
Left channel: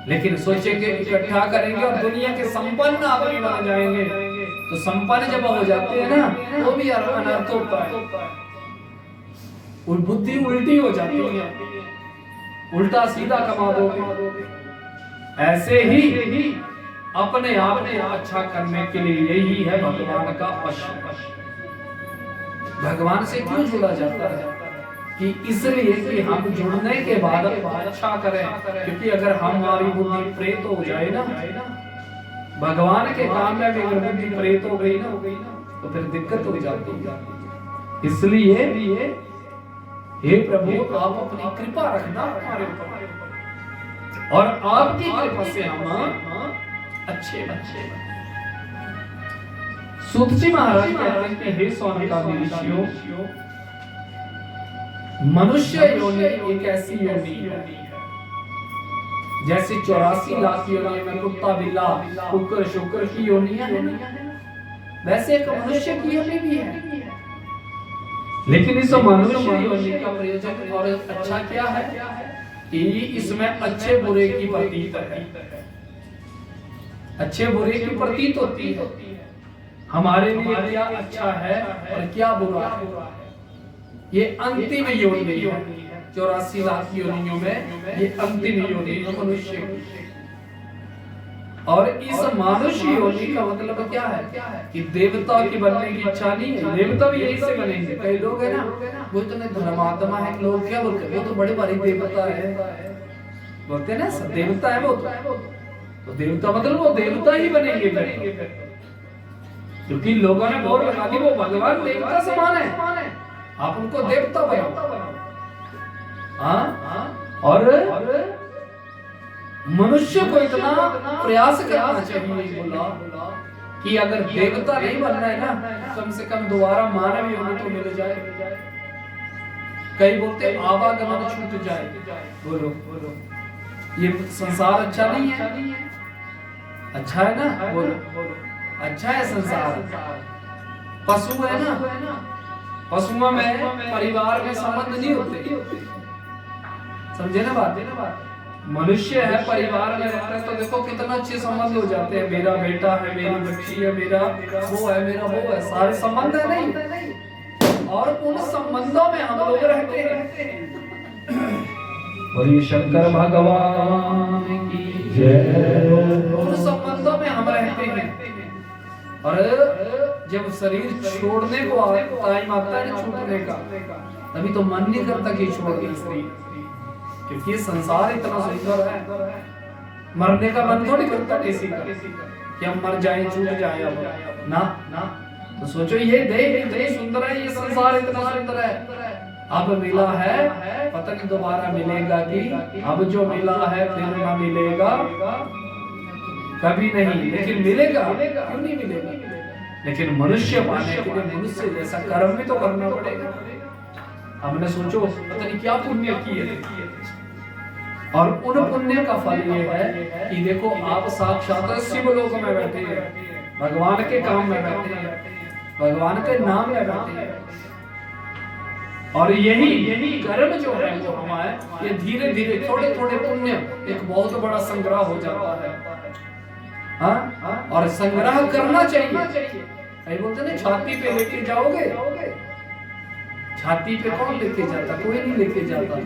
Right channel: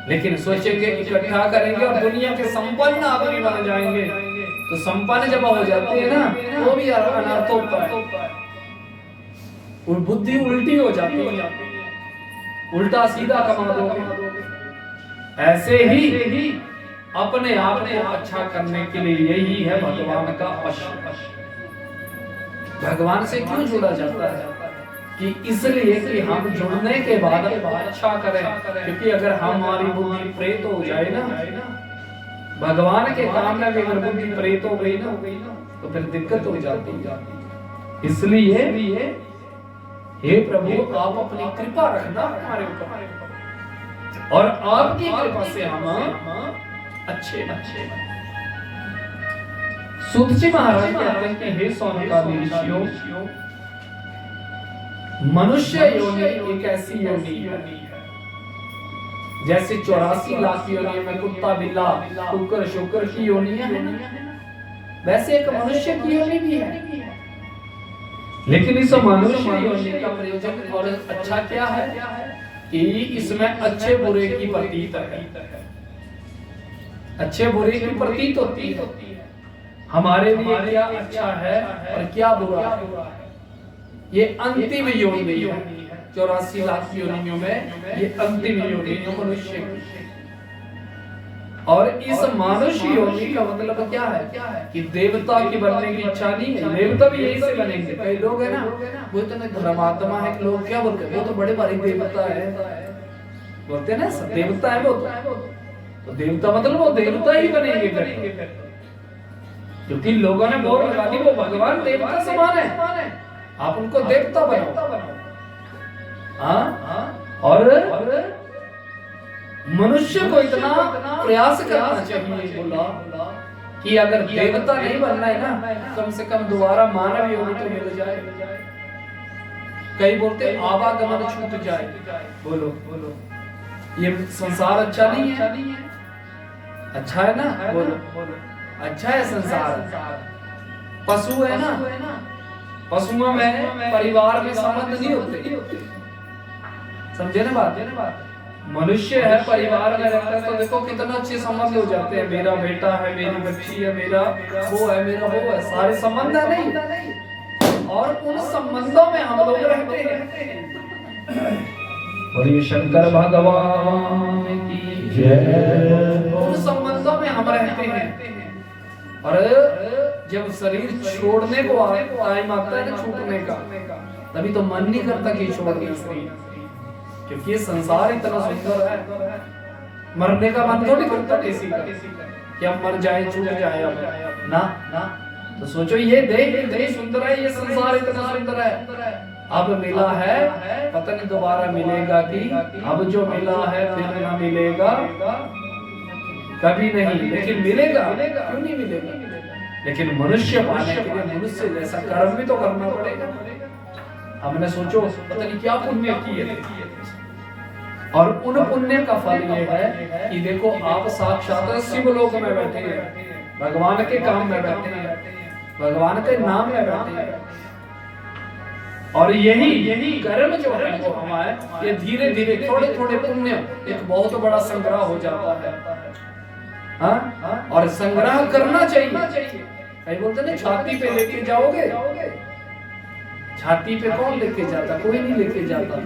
लेकिन सोचेंगे इकट्ठा करेंगे और दुनिया के संपन्न आदमी बन जाएंगे। तो संपन्न जब हो जाते हैं ना वो भी अनर्थ होता है, और बुद्धि उल्टी हो जाती है, उल्टा सीधा कमा दोगे। ऐसे ही अपने आप को अच्छा करने के लिए यही है भगवान का अश्व। भगवान से क्यों जुड़ा जाता है कि इसलिए कि हम जुड़ने के बाद अच्छा करें, क्योंकि अगर हमारी बुद्धि प्रेत हो जाए ना, भगवान के काम में भी अगर बुद्धि प्रेत हो गई ना तो फिर दिक्कत हो जाती है। इसलिए हे प्रभु आप अपनी कृपा रखना हमारे ऊपर, और आपकी कृपा से हम अच्छे। सूत जी महाराज कहते हैं कि हे सौनकादि ऋषियों, मनुष्य योनि एक ऐसी योनि है जैसे 84 लाख योनियों में कुत्ता बिल्ला कुकर शुक्र की योनियां है, वैसे एक मनुष्य की योनि भी है। लेकिन इस मनुष्य योनि का प्रयोजन और अच्छा क्या है कि इसमें अच्छे बुरे की प्रतीत है, अच्छे बुरे की प्रतीत होती है। हमारे लिए क्या अच्छा है और क्या बुरा है, ये अंतिम योनि है। 84 लाख योनियों में ये अंतिम योनि है मनुष्य। और इस मनुष्य योनि का मतलब क्या है कि देवता की बनने की इच्छा नहीं है, देवता भी यही से बनेंगे। कई लोग है ना वो तो नहीं धर्मात्मा है, लोग क्या बोलते हैं वो तो बड़े भारी देवता है, बोलते हैं ना देवता है वो तो देवता मतलब वो देवता ही बनेंगे, क्योंकि लोगों ने बोल लगा दी वो भगवान देवता समान है, आप उनको देवता बनाओ। और मनुष्य को इतना प्रयास करना चाहिए बोला कि अगर देवता नहीं बनना है ना कम से कम दोबारा मानव योनि तो मिल जाए। कई बोलते आवागमन छूट जाए, बोलो ये संसार अच्छा नहीं है, अच्छा है ना, बोलो अच्छा है संसार। पशु है ना, पशुओं में परिवार में संबंध नहीं होते, समझे ना बात। मनुष्य है परिवार में रहता है तो देखो कितना अच्छे संबंध हो जाते हैं, मेरा बेटा है, मेरी बच्ची है, मेरा वो है, मेरा वो है, सारे संबंध है नहीं, और उन संबंधों में हम लोग रहते हैं। और ये शंकर भगवान की जय। उन संबंधों में हम रहते हैं, और जब शरीर छोड़ने को टाइम आता है ना छूटने का, तभी तो मन नहीं करता कि छोड़ दे शरीर, क्योंकि ये संसार इतना सुंदर है। मरने का मन थोड़ी करता किसी का कि हम मर जाए छूट जाए अब ना। तो सोचो ये देह सुंदर है, ये संसार इतना सुंदर है, अब मिला है पता नहीं दोबारा मिलेगा कि अब जो मिला है फिर ना मिलेगा कभी नहीं, लेकिन मिलेगा, क्यों नहीं मिलेगा। लेकिन मनुष्य पाने के लिए मनुष्य जैसा कर्म भी तो करना पड़ेगा। हमने सोचो पता नहीं क्या पुण्य किए, और उन पुण्य का फल ये है कि देखो आप साक्षात शिवलोक में बैठे हैं, भगवान के काम में बैठे हैं, भगवान के नाम में बैठे हैं, और यही कर्म जो है वो हमारे ये धीरे धीरे थोड़े थोड़े पुण्य एक बहुत बड़ा संग्रह हो जाता है। हाँ, और संग्रह करना चाहिए। कई बोलते ना छाती पे लेके जाओगे, छाती पे कौन लेके जाता, कोई नहीं लेके जाता,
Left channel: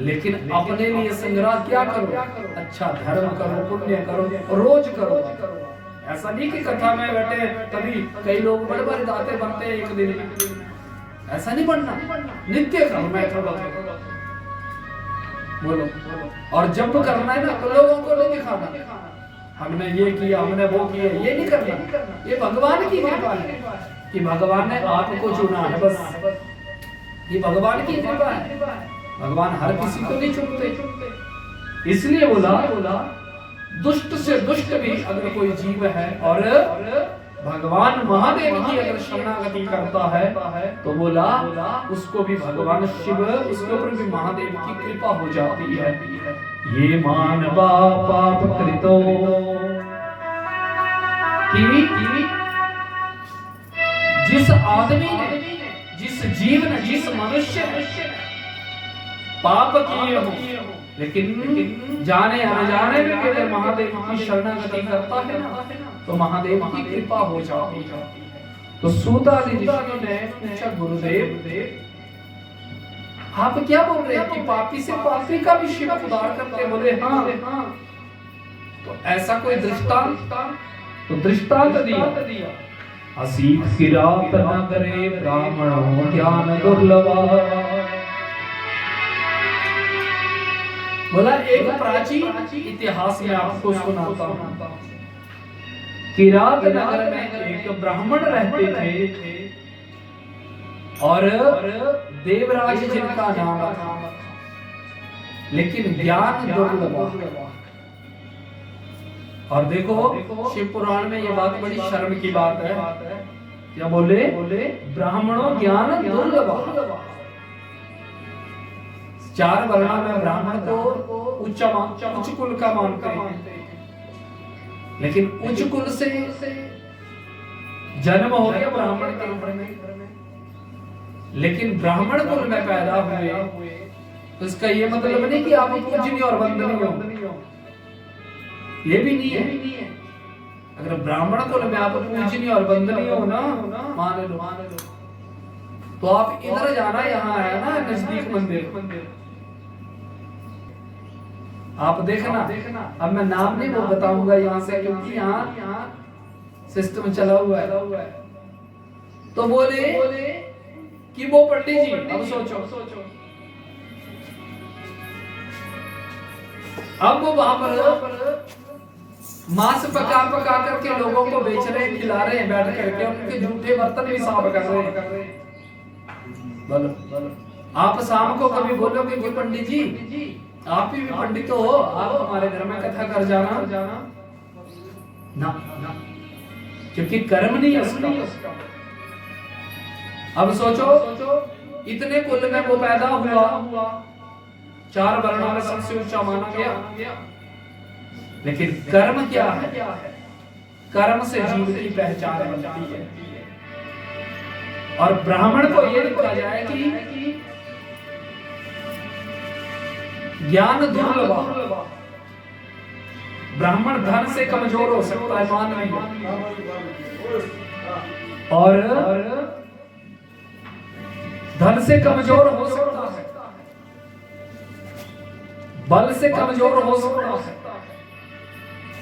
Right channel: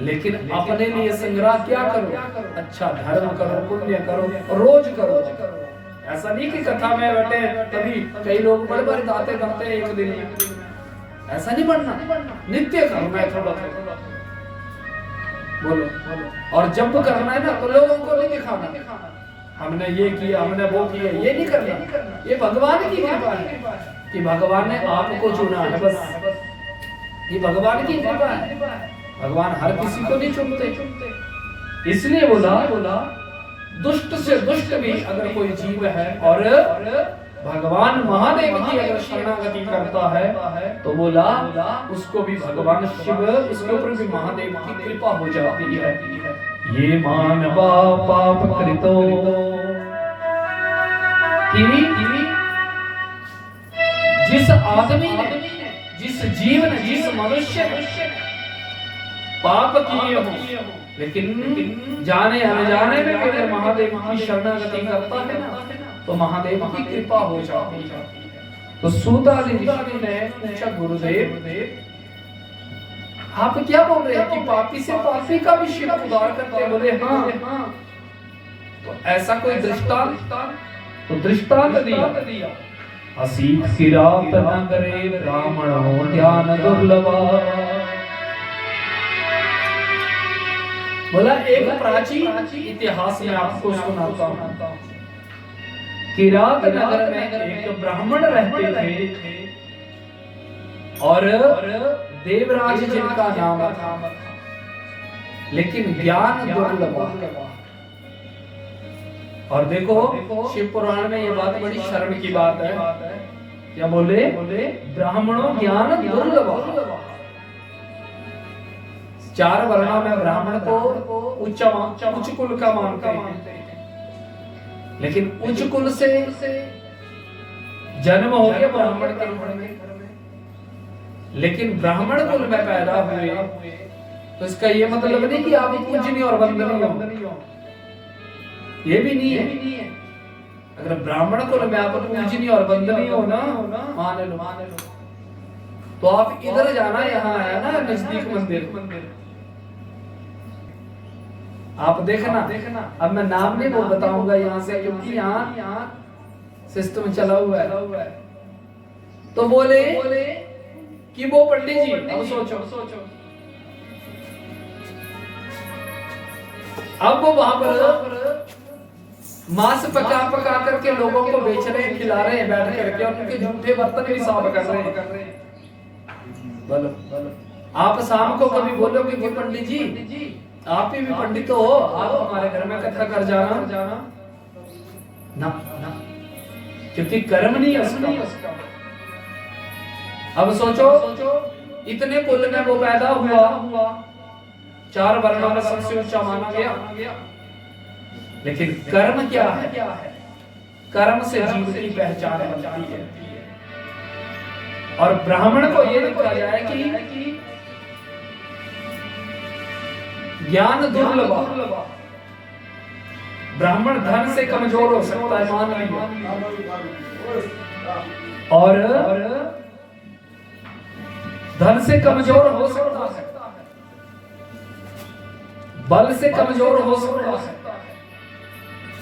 लेकिन अपने लिए संग्रह क्या करो, अच्छा धर्म करो, पुण्य करो, रोज करो। ऐसा नहीं कि कथा में बैठे तभी कई लोग बड़े बड़े दाते बनते हैं एक दिन, ऐसा नहीं बनना, नित्य करना है थोड़ा थोड़ा, बोलो। और जब करना है ना तो लोगों को नहीं दिखाना हमने ये किया, हमने वो किया, ये नहीं करना। ये भगवान की कृपा है कि भगवान ने आपको चुना है, बस ये भगवान की कृपा है। भगवान हर किसी को नहीं चुनते, इसलिए बोला दुष्ट से दुष्ट भी अगर कोई जीव है और भगवान महादेव की अगर शरणागति करता है तो बोला उसको भी भगवान शिव, उसके ऊपर भी महादेव की कृपा हो जाती है। ये मानवा पाप कृतो कि जिस आदमी ने, जिस जीव ने, जिस मनुष्य ने पाप किए हो, लेकिन जाने अनजाने में अगर महादेव की शरणागति करता है ना तो महादेव की कृपा हो जाती है। तो सूत आदि ऋषियों ने पूछा, गुरुदेव आप क्या बोल रहे हैं कि पापी से पापी का भी शिव उद्धार करते? बोले हाँ। तो ऐसा कोई दृष्टांत? तो दृष्टांत दिया, असीत किरात न करे ब्राह्मणों ज्ञान दुर्लभा। बोला एक प्राचीन इतिहास में आपको सुनाता हूं। किरात नगर में एक ब्राह्मण रहते थे और देवराज जिनका नाम था, लेकिन ज्ञान दुर्लभ। और देखो शिव पुराण में ये बात बड़ी शर्म की बात है, क्या बोले? ब्राह्मणों ज्ञान दुर्लभ। 4 वर्णों में ब्राह्मण को उच्च कुल का मानते हैं, लेकिन उच्च कुल से जन्म हो गया ब्राह्मण के रूप में, लेकिन ब्राह्मण कुल में पैदा हुए तो इसका ये मतलब नहीं कि आप पूजनीय और वंदनीय हो, ये भी नहीं है। अगर ब्राह्मण कुल में आप पूजनीय और वंदनीय हो ना, मान लो, तो आप इधर जाना, यहाँ है ना नजदीक मंदिर, आप देखना। अब मैं नाम नहीं बताऊंगा यहाँ से, क्योंकि यहाँ सिस्टम चला हुआ है। तो बोले कि वो पंडित जी, अब सोचो, अब वो वहां पर मांस पका करके लोगों को बेच रहे हैं, खिला रहे हैं बैठ करके, और उनके झूठे बर्तन भी साफ कर रहे हैं। बोलो आप शाम को कभी बोलोगे कि पंडित जी आप ही भी पंडित हो, आप हमारे घर में कथा कर जाना ना, क्योंकि कर्म नहीं है उसका। अब सोचो इतने कुल में वो पैदा हुआ, 4 वर्णों में सबसे ऊंचा माना गया, लेकिन कर्म क्या है? कर्म से जीव की पहचान बनती है। और ब्राह्मण को यह लिखा जाए कि ज्ञान दुर्लभ। ब्राह्मण धन से कमजोर हो सकता है, मान लीजिए, और धन से कमजोर हो सकता है, बल से कमजोर हो सकता है,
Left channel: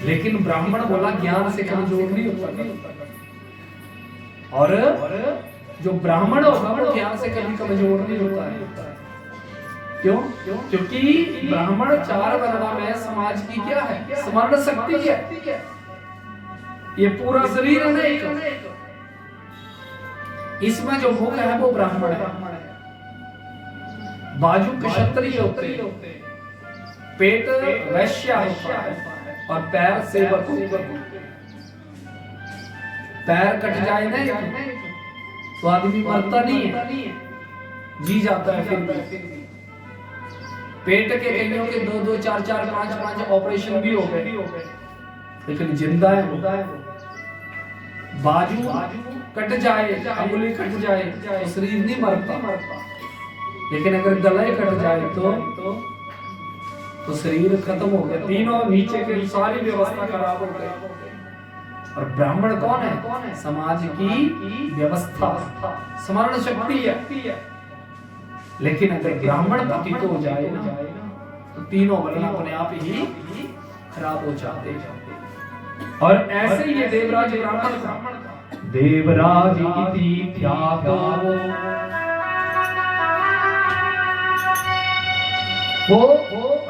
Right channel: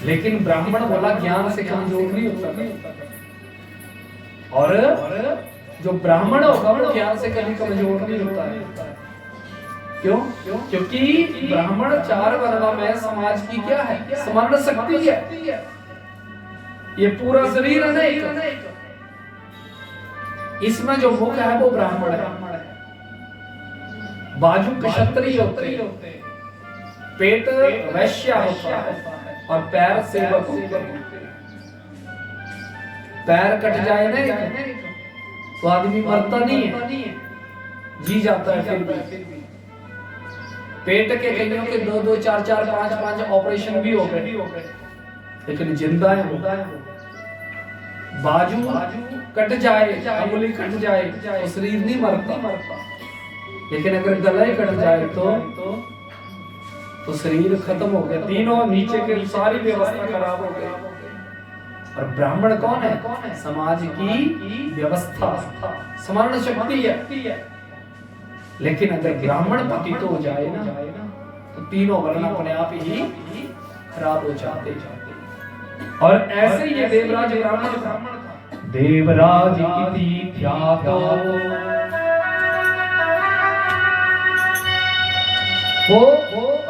लेकिन ब्राह्मण बोला ज्ञान से कमजोर नहीं होता। और जो ब्राह्मण होगा वो ज्ञान से कभी कमजोर नहीं होता है। क्यों? क्योंकि ब्राह्मण 4 वर्णों में समाज की क्या है? स्मरण शक्ति है। ये पूरा शरीर नहीं, इसमें जो मुख है वो ब्राह्मण है, बाजू क्षत्रिय होते हैं, पेट वैश्य होता है, और पैर सेवक होते हैं। पैर कट जाए ना तो आदमी मरता नहीं है, जी जाता है। फिर पेट के कईयों के 2-2, 4-4, 5-5 ऑपरेशन भी हो गए, लेकिन जिंदा है। बाजू कट जाए, अंगुली कट जाए तो शरीर नहीं मरता, लेकिन अगर गला ही कट जाए तो शरीर खत्म हो गया, तीनों नीचे के सारी व्यवस्था खराब हो गई। और ब्राह्मण कौन है? समाज की व्यवस्था, स्मरण शक्ति है। लेकिन अगर ब्राह्मण पतित हो जाए ना तो तीनों वर्ण अपने आप ही खराब हो जाते। और ऐसे ही ये देवराज ब्राह्मण था। देवराज की ख्यातो वो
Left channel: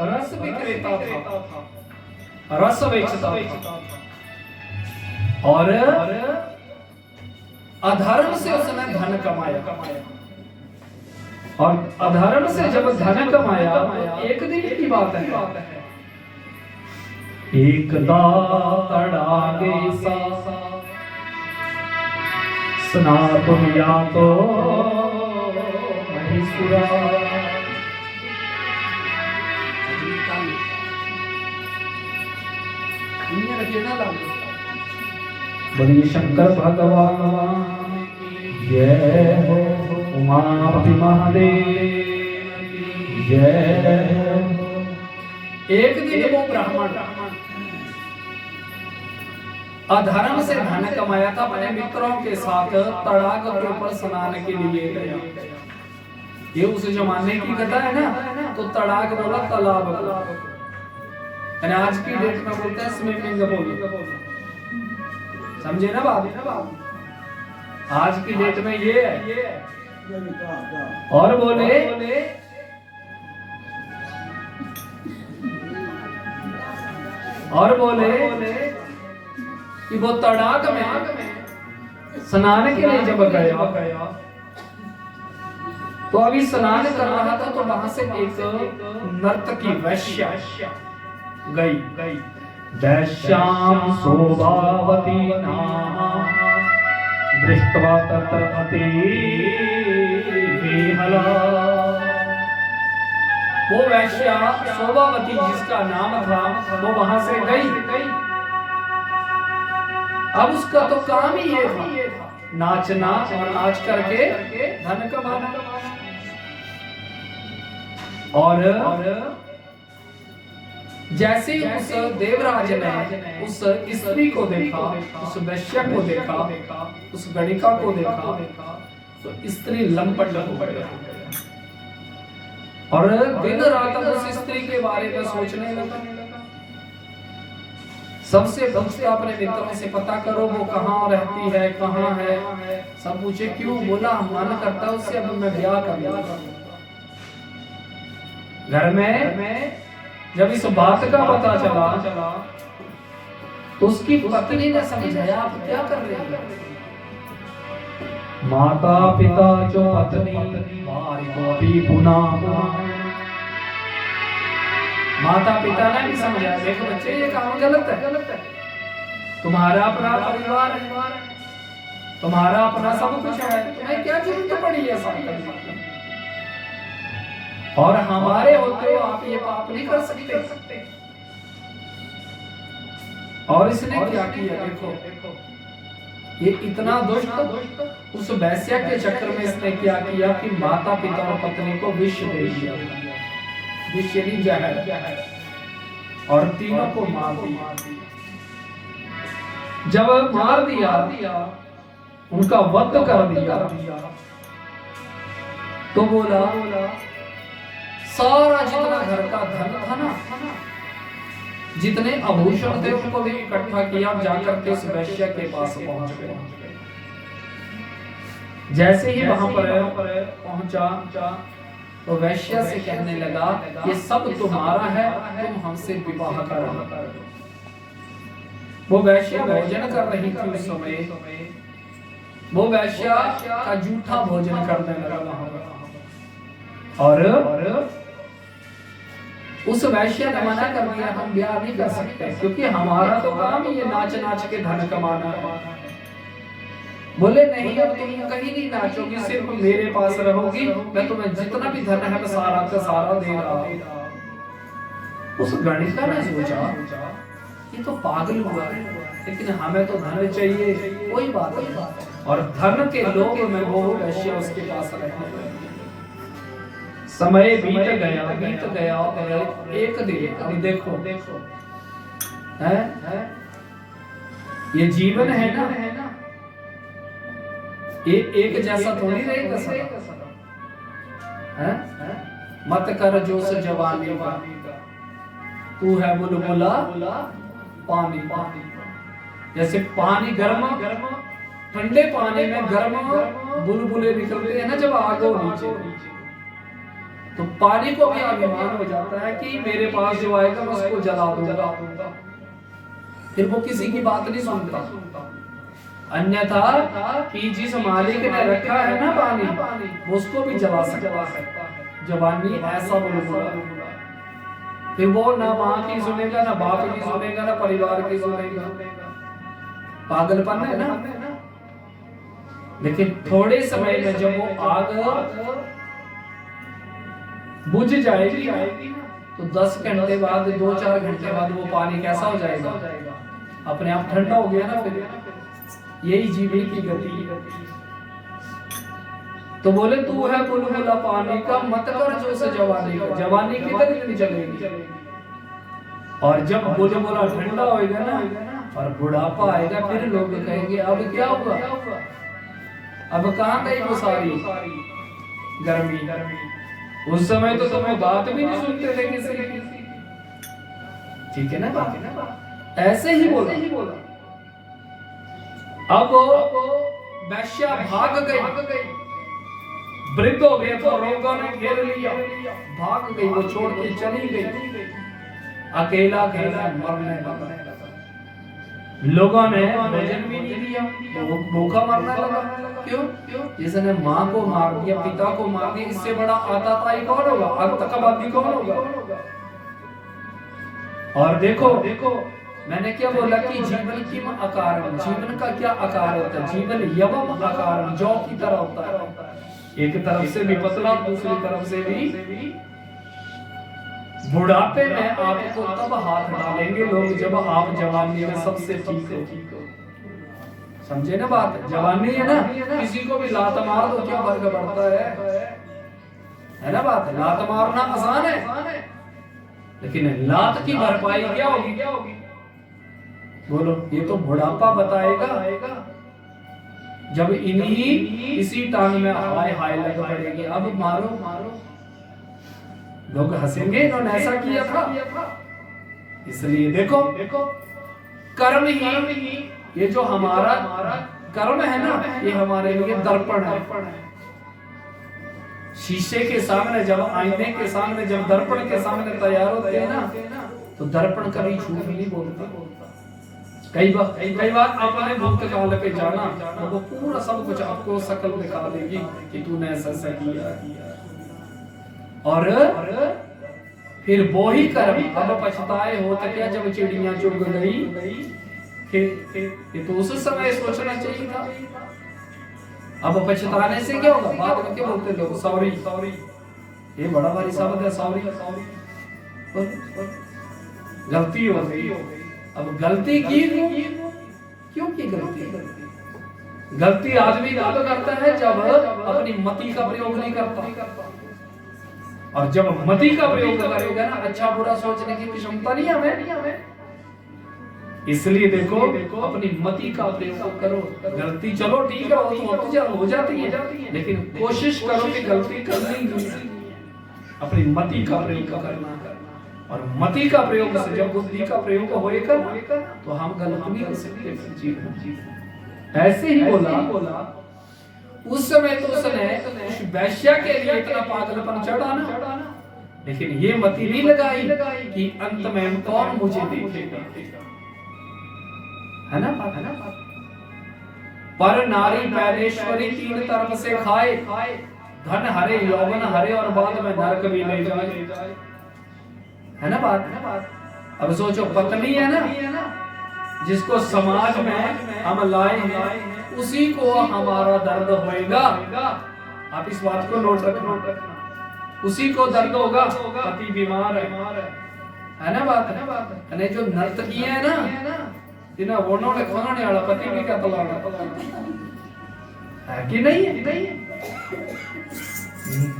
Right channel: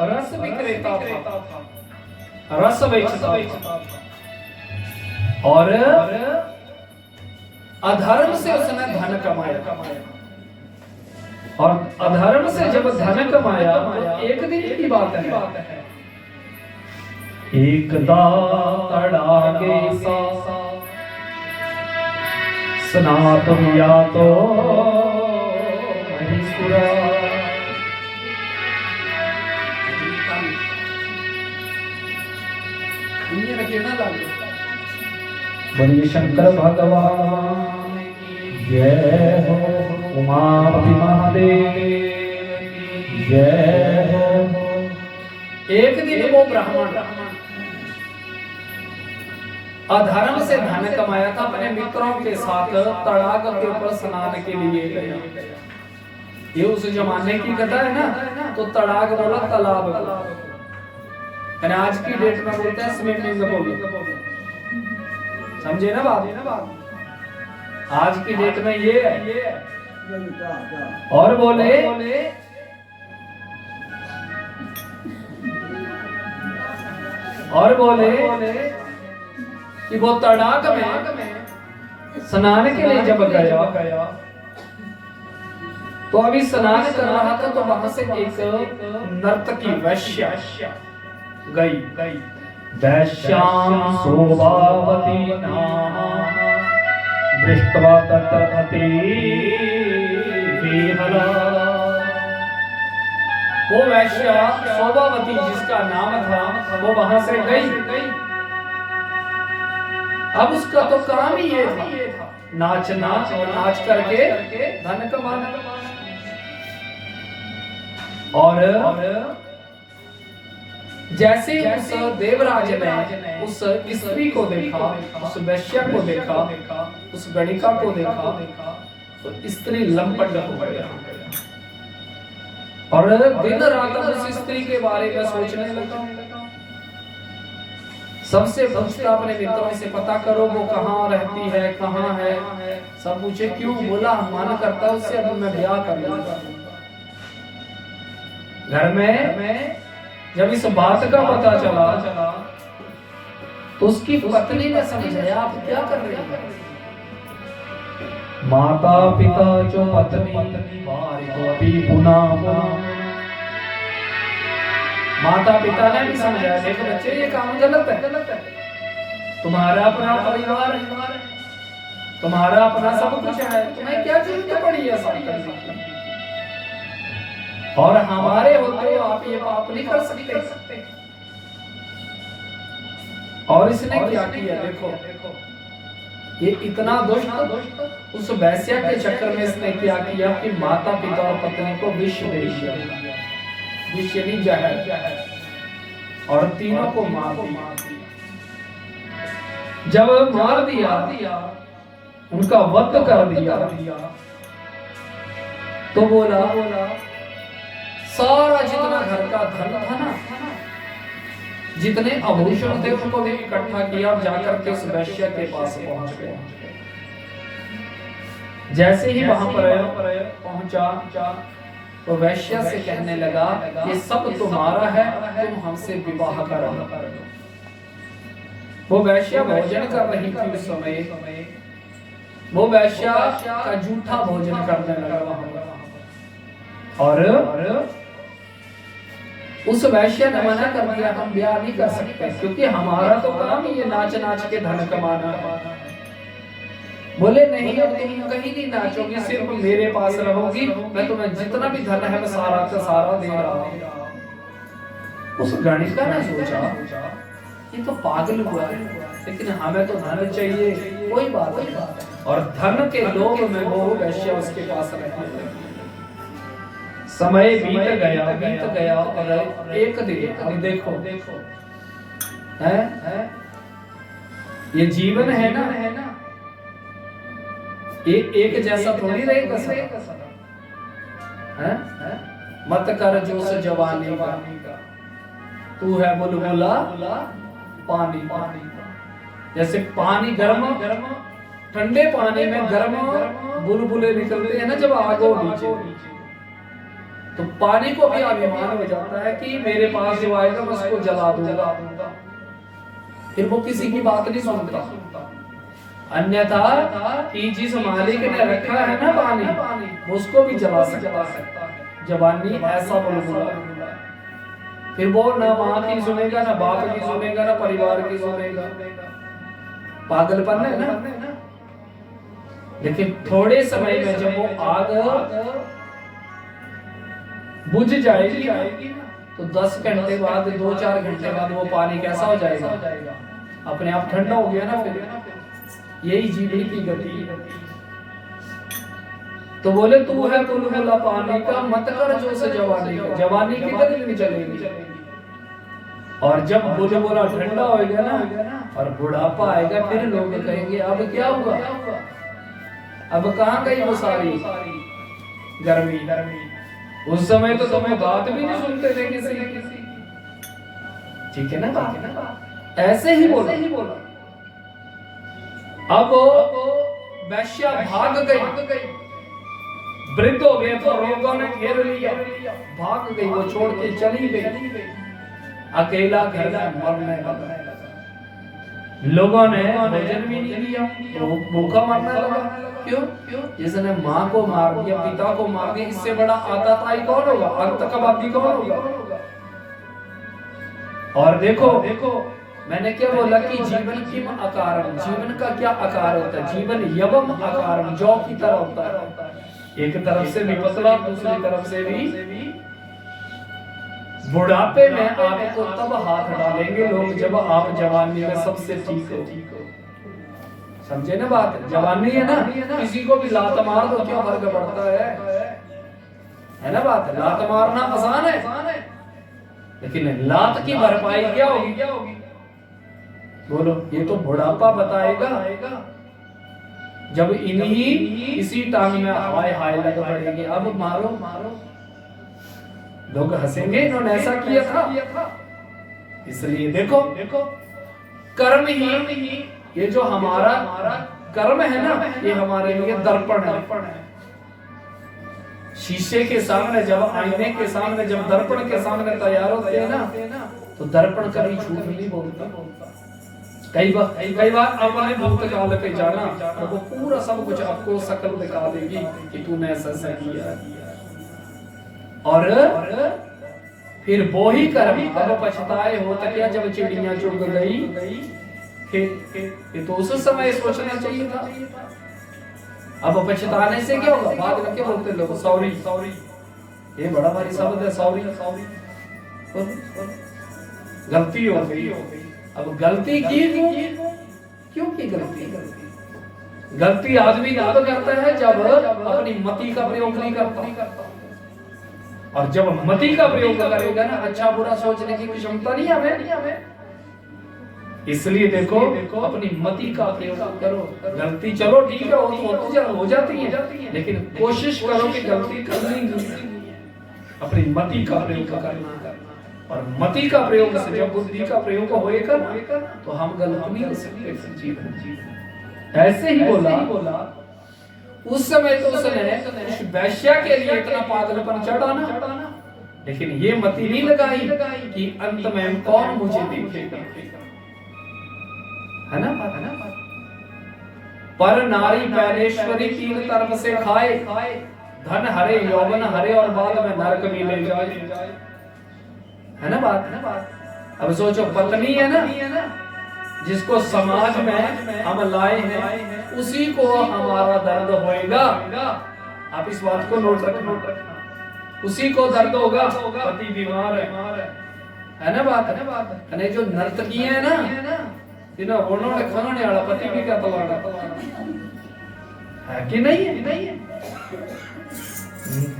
रस विक्रेता था, रस बेचता था, और अधर्म से उसने धन कमाया। और अधर्म से जब धन कमाया तो एक दिन की बात है, एकदा तड़ाके सा स्नातुम यातो महिषुरा। बोलिए शंकर भगवान जय हो, उमापति महादेव जय हो। एक दिन वो ब्राह्मण अधर्म से धन कमाया था, अपने मित्रों के साथ तड़ाग के ऊपर स्नान के लिए गया। ये उस जमाने की कथा है ना, तो तड़ाग बोला तालाब, यानी आज की डेट में बोलते हैं स्विमिंग पूल। समझे ना बात? आज की डेट में ये है। और बोले कि वो तड़ाग में स्नान के लिए जब गया, तो अभी स्नान कर रहा था, तो वहां से एक नर्तकी वैश्या गई। वैश्यां शोभावती नामा दृष्ट्वा तत्र अति विहला। वो वैश्या शोभावती जिसका नाम था, वो वहां से गई। अब उसका तो काम ही ये था, नाचना, और नाच करके धन कमाना। और जैसे उस देवराज ने उस स्त्री को देखा, उस वैश्या को देखा, उस गणिका को देखा, तो स्त्री लंपट हो गया और दिन रात उस स्त्री के बारे में सोचने लगा। सबसे पूछता अपने मित्रों से, पता करो वो कहाँ रहती है, कहाँ है। सब पूछे क्यों? बोला मन करता है उससे अब मैं ब्याह कर लूंगा। घर में जब इस बात का पता चला, तो उसकी पत्नी ने समझाया आप क्या कर रहे हैं? माता पिता जो पत्नी माता पिता ने भी समझाया, देखो बच्चे ये काम गलत है। तुम्हारा अपना परिवार है, तुम्हारा अपना सब कुछ है, तुम्हें क्या जरूरत पड़ी है ऐसा करने की? और हमारे होते हो आप ये पाप नहीं कर सकते। और इसने क्या किया? देखो ये इतना दुष्ट, उस वैश्या के चक्कर में इसने क्या किया कि माता पिता और पत्नी को विष दे दिया, विष भी जहर, और तीनों को मार दिया। जब मार दिया, उनका वध कर दिया, तो बोला सारा जितना घर का धन था ना, जितने आभूषण थे उनको भी इकट्ठा किया, जाकर के उस वैश्या के पास पहुंच गया। जैसे ही वहां पर पहुंचा, तो वैश्या से कहने लगा ये सब तुम्हारा है, तुम हमसे विवाह करो। वो वैश्या भोजन कर रही थी उस समय, वो वैश्या का जूठा भोजन करने लगा वहां पर। और उस वैश्य ने मना कर दिया, हम ब्याह नहीं कर सकते, क्योंकि हमारा तो काम ही ये नाच नाच के धन कमाना है। बोले नहीं, अब तुम कहीं नहीं नाचोगी, सिर्फ मेरे पास रहोगी, मैं तुम्हें जितना भी धन है मैं सारा का सारा दे रहा हूं। उस गणिका ने सोचा ये तो पागल हुआ है, लेकिन हमें तो धन चाहिए, कोई बात नहीं। और धन के लोभ में वो वैश्य उसके पास रहती। समय बीत गया और एक दिन, अब देखो है ये जीवन है ना, एक जैसा थोड़ी रहेगा सब। मत कर जोश जवानी का, तू है बुलबुला पानी। जैसे पानी गर्म, ठंडे पानी में गर्म बुलबुले निकलते हैं ना जब आग हो नीचे, तो पानी को भी अभिमान हो जाता है कि मेरे पास जो आएगा मैं उसको जला दूंगा, फिर वो किसी की बात नहीं सुनता। अन्यथा कि जिस मालिक ने रखा है ना पानी, उसको भी जला सकता है। जवानी ऐसा बुलबुला, फिर वो ना माँ की सुनेगा, ना बाप की सुनेगा, ना परिवार की सुनेगा। पागलपन है ना। लेकिन थोड़े समय में जब वो आग बुझ जाएगी ना, तो 10 घंटे बाद, 2-4 घंटे बाद वो पानी कैसा हो जाएगा? अपने आप ठंडा हो गया ना। फिर यही जीवन की गति है। तो बोले तू है बुलबुला पानी का, मत कर जोश जवानी का। जवानी कितने दिन चलेगी? और जब बुलबुला ठंडा होएगा ना और बुढ़ापा आएगा, फिर लोग कहेंगे अब क्या हुआ, अब कहाँ गई वो सारी गर्मी। उस समय तो तुम बात भी नहीं सुनते थे किसी की। ठीक है ना बात? ऐसे ही बोला। अब वैश्या भाग गई, वृद्ध हो गए तो रोगों ने घेर लिया, भाग गई, वो छोड़ के चली गई, अकेला घर में मरने लगा। लोगों ने भोजन भी नहीं दिया, वो भूखा मरने लगा। क्यों? जिसने माँ को मार दिया, पिता को मार दिया, इससे बड़ा आतताई कौन होगा, आतंकवादी कौन होगा? और देखो मैंने क्या बोला कि जीवन किम आकारम, जीवन का क्या आकार होता है? जीवन यवम आकारम, जौ की तरह होता है, एक तरफ से भी पतला, दूसरी तरफ से भी। बुढ़ापे में आपको तब हाथ डालेंगे लोग जब आप जवानी में सबसे ठीक हो। समझे ना बात? जवानी है ना, किसी को भी लात मार दो, क्या फर्क पड़ता है ना बात? लात मारना आसान है, लेकिन लात की भरपाई क्या होगी? बोलो, ये तो बुढ़ापा बताएगा। जब इसी टांग में हाय हाय लग पड़ेगी, अब मारो, लोग हंसेंगे, इन्होंने ऐसा किया था। इसलिए देखो कर्म ही, ये जो हमारा कर्म है ना, ये हमारे लिए दर्पण है। शीशे के सामने जब, आईने के सामने जब, दर्पण के सामने तैयार होते हैं ना, तो दर्पण कभी झूठ नहीं बोलता। कई बार अपने भूतकाल पे जाना, तो वो पूरा सब कुछ आपको शक्ल दिखा देगी कि तूने ऐसा किया। और फिर वो ही कर्म अब पछताए हो तो क्या, जब चिड़िया चुग गई, फिर तो उस समय सोचना चाहिए था। अब पछताने से क्या होगा? बाद में क्या बोलते लोग, सॉरी। ये बड़ा भारी शब्द है, सॉरी। गलती हो गई। अब गलती की क्यों की गलती आदमी तब करता है जब अपनी मति का प्रयोग नहीं करता। और जब मति का प्रयोग करेगा ना, अच्छा बुरा सोचने की क्षमता नहीं हमें। इसलिए देखो अपनी मति का प्रयोग करो। गलती चलो ठीक है, हो जाती है, लेकिन कोशिश करो कि गलती करनी नहीं, अपनी मति का प्रयोग करना। और मति का प्रयोग से जब बुद्धि का प्रयोग होएगा तो हम गलत नहीं कर सकते जीवन। ऐसे ही बोला उस समय तो उसने उस वैश्या के लिए इतना पागलपन चढ़ा ना, लेकिन ये मति नहीं लगाई कि अंत में कौन मुझे देखेगा, है ना? पर नारी पैरेश्वरी तीन तरफ से खाए, धन हरे, यौवन हरे, और बाद में नरक भी ले जाए, है ना बात? अब सोचो, पत्नी है ना, जिसको समाज में हम लाए हैं, उसी को हमारा दर्द होएगा। आप इस बात को नोट रखना, उसी को दर्द होगा। पति बीमार है ना बात? है जो नर्तकी है ना, जिन्हें उन्होंने खाने वाला पति भी क्या तलाड़ा है कि नहीं?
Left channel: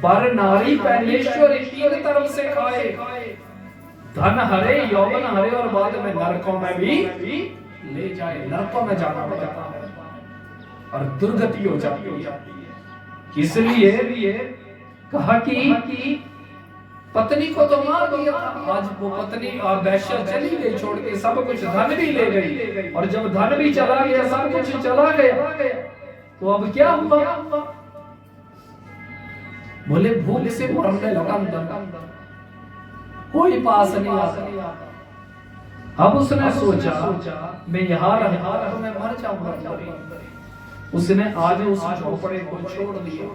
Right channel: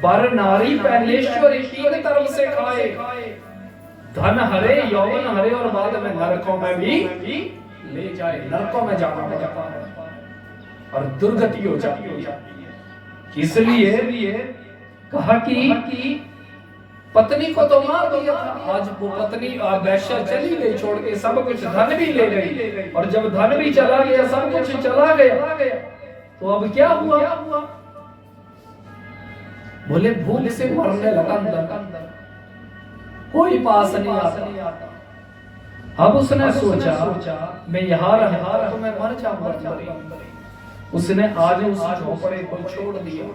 पर नारी पैलेश्वर तीन तरफ से खाए, धन हरे, यौवन हरे, और बाद में नरकों में भी ले जाए, नरकों में जाना पड़ता है और दुर्गति हो जाती है। इसलिए कहा कि पत्नी को तो मार दिया, आज वो पत्नी वैश्या चली गई, छोड़ के सब कुछ, धन भी ले गई, और जब धन भी चला गया, सब कुछ चला गया, तो अब क्या हुआ? बोले भूख से मरने लगा अंदर, कोई पास नहीं आता। अब उसने सोचा मैं यहाँ रहा तो मैं मर जाऊंगा। उसने आज उस झोपड़े को छोड़ दिया,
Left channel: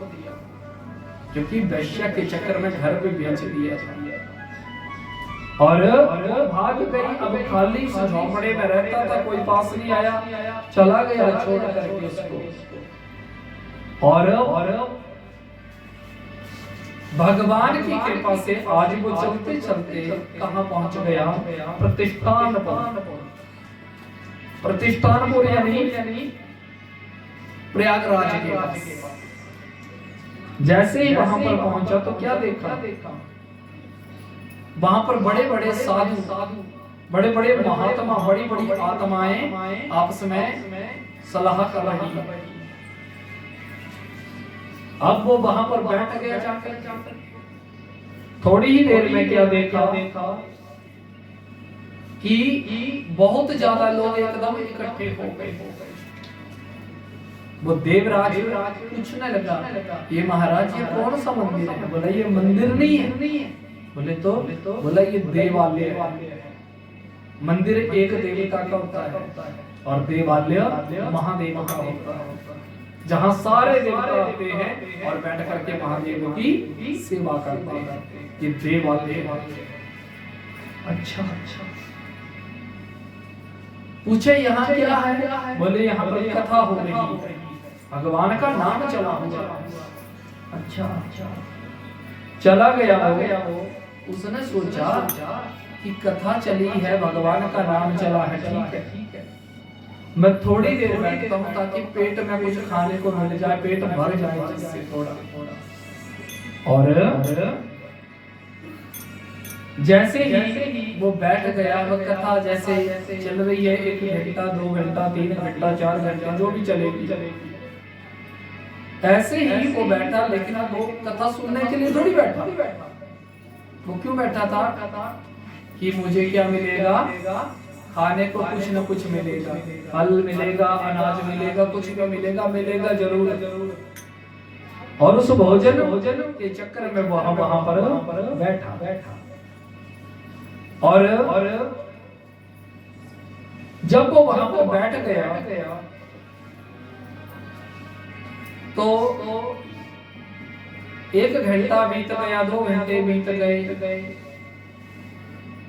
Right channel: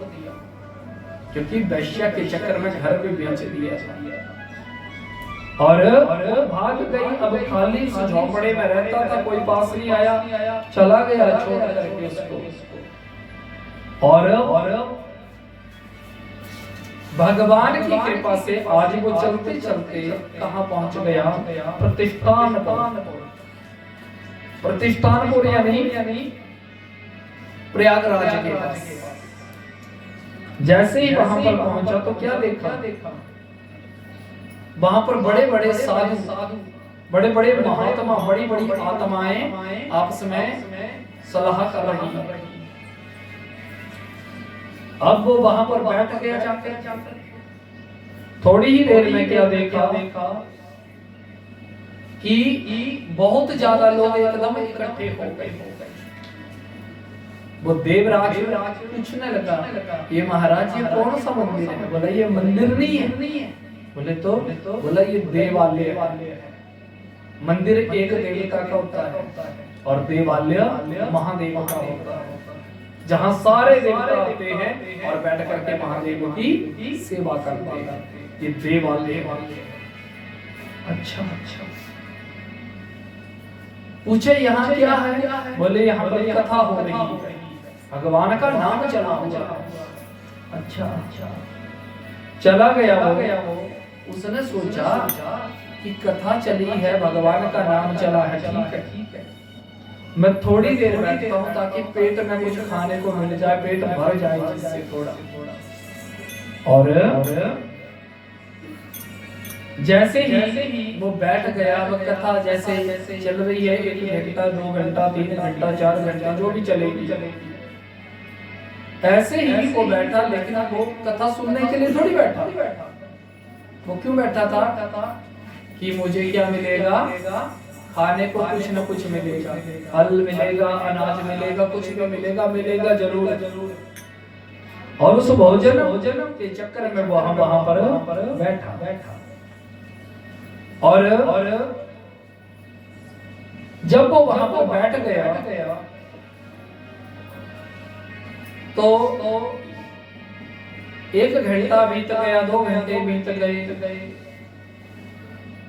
क्योंकि वैश्या के चक्कर में घर भी बेच दिया, और भाग गई। अब खाली उस झोपड़े में रहता था, कोई पास नहीं आया, चला गया छोड़ करके उसको। और भगवान की कृपा से आज वो चलते चलते कहाँ पहुंच गया? प्रतिष्ठानपुर यानी प्रयागराज के पास। जैसे ही वहां पर पहुंचा तो क्या देखा, वहां पर बड़े बड़े साधु, बड़े बड़े महात्मा, बड़ी बड़ी आत्माएं आपस में सलाह कर रही है। अब वो वहां पर बैठ गया जाकर, थोड़ी ही देर में क्या देखा कि बहुत ज्यादा लोग एकदम इकट्ठे हो गए। वो देवराज पूछने लगा, ये महाराज ये कौन सा मंदिर है? बोला ये मंदिर नहीं है। बोले तो? बोला ये देवालय है। मंदिर एक देवता का होता है और देवालय महादेव का होता है, जहाँ सारे देवता आते हैं और बैठ करके महादेव की सेवा करते हैं। ये देवालय। अच्छा अच्छा। पूछे यहाँ क्या है? बोले यहाँ पर कथा हो रही है, भगवान का नाम चला हुआ। अच्छा अच्छा। चला गया वो। उसने सोचा कि कथा चली है, भगवान का नाम चला है, ठीक है, मैं थोड़ी देर बैठता हूँ ताकि पेट में कुछ खाने को मिल जाए, पेट भर जाए जिससे थोड़ा। और जैसे ही वो बैठ गया, वो कथा जैसे चल रही है, 1 घंटा 2 घंटा 3 घंटा 4 घंटा जो भी चलेगी, ऐसे ही वो बैठा। लेकिन वो कथा सुनने के लिए थोड़ी बैठा। वो क्यों बैठा था? कि मुझे क्या मिलेगा, खाने को कुछ न कुछ मिलेगा, फल मिलेगा, अनाज मिलेगा, कुछ भी मिलेगा जरूर। और उस भोजन के चक्कर में वहां पर बैठा। और जब वो वहां पर बैठ गया तो 1 घंटा बीत गया, 2 घंटे बीत गए।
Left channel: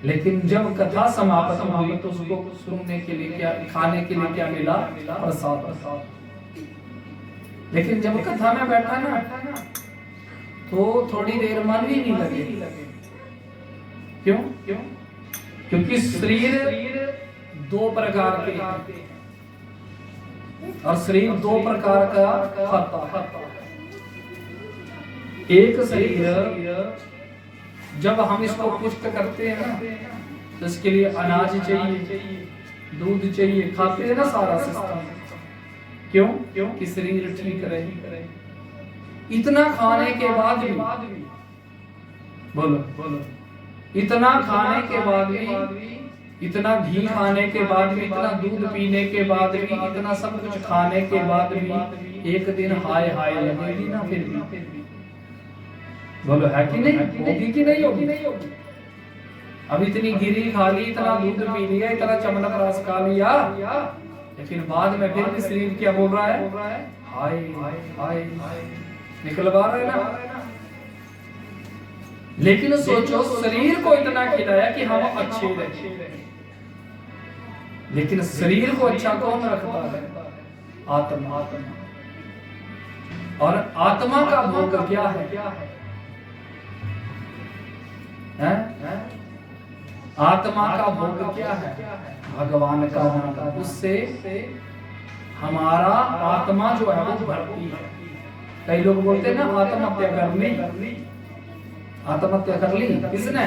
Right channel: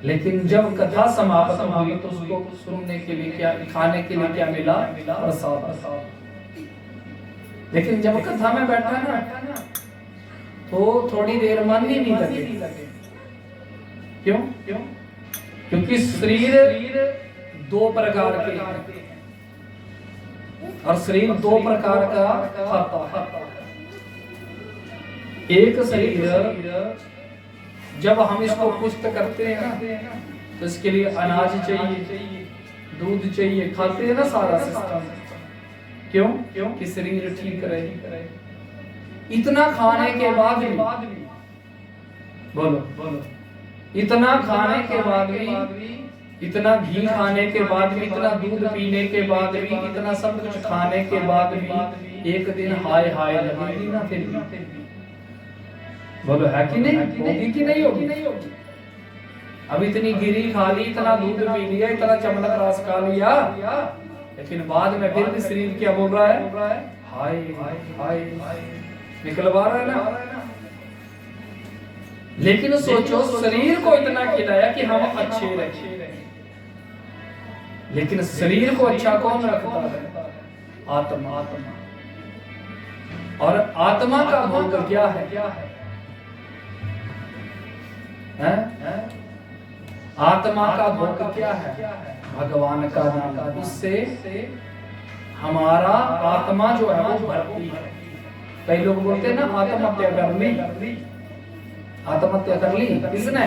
लेकिन जब कथा समाप्त हुई तो उसको सुनने के लिए क्या, खाने के लिए क्या मिला? प्रसाद। लेकिन जब कथा में बैठा ना तो थोड़ी देर मन ही नहीं लगे। क्यों? क्योंकि शरीर 2 प्रकार के, और शरीर 2 प्रकार का खाता है। एक शरीर जब हम इसको पुष्ट करते हैं ना, तो इसके लिए अनाज चाहिए, दूध चाहिए, खाते हैं ना सारा सिस्टम। क्यों? कि शरीर ठीक रहे। इतना खाने के बाद भी, बोलो, इतना खाने के बाद भी, इतना घी खाने के बाद भी, इतना दूध पीने के बाद भी, इतना सब कुछ खाने के बाद भी एक दिन हाय लगेगी ना फिर भी। बोलो है कि नहीं? होगी कि नहीं होगी? अब इतनी गिरी खा ली, इतना दूध पी लिया, इतना चमनप्राश खा लिया, लेकिन बाद में फिर भी शरीर क्या बोल रहा है? हाय निकलवा रहा है ना। लेकिन सोचो, शरीर को इतना खिलाया कि हम अच्छे रहे, लेकिन शरीर को अच्छा कौन रखता है? आत्मा। और आत्मा का भोग क्या है? आत्मा का भोग क्या है? भगवान का नाम। उससे हमारा आत्मा जो है वो भरती है। कई लोग बोलते हैं ना आत्महत्या कर ली। आत्महत्या कर ली किसने?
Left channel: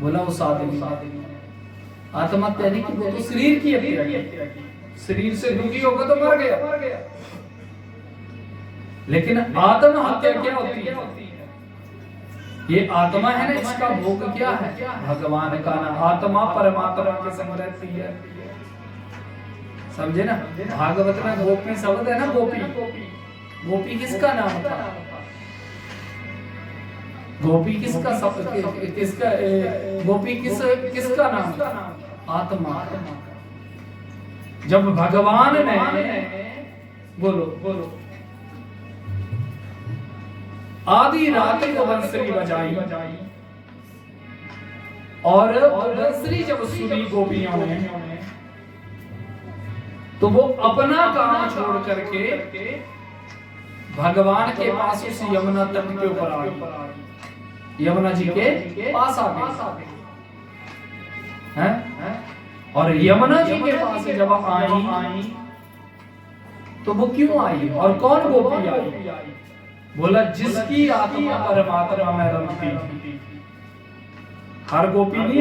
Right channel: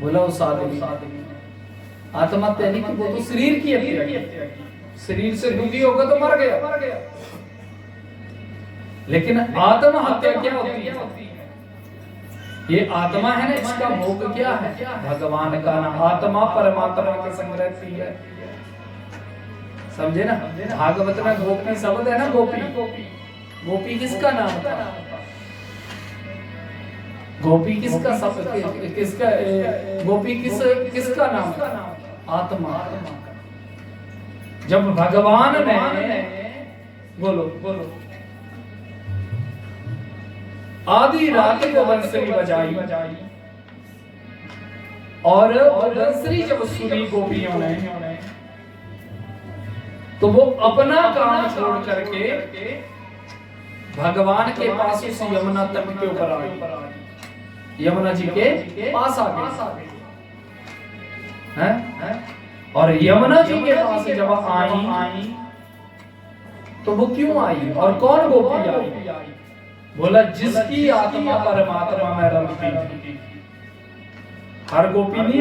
बोला उस आदमी। आत्महत्या नहीं, वो तो शरीर की हत्या की। शरीर से दुखी होगा तो मर गया। लेकिन आत्महत्या क्या होती है? ये आत्मा है ना, इसका भोग क्या है? भगवान का नाम। आत्मा परमात्मा के संग रहती है, समझे ना? भागवत में गोपी शब्द है ना, गोपी किसका नाम था? गोपी किसका शब्द, किसका गोपी किसका नाम था? आत्मा। जब भगवान ने बोलो आधी रात को बंसरी बजाई, और बंसरी जब सुनी गोपियों ने, तो वो अपना काम छोड़ करके भगवान के पास उस यमुना तट के ऊपर आ गई, यमुना जी के पास आ गई हैं। और यमुना जी के पास जब आई तो वो क्यों आई और कौन गोपी आई? बोला जिसकी आत्मा परमात्मा में रमती थी। हर गोपी नहीं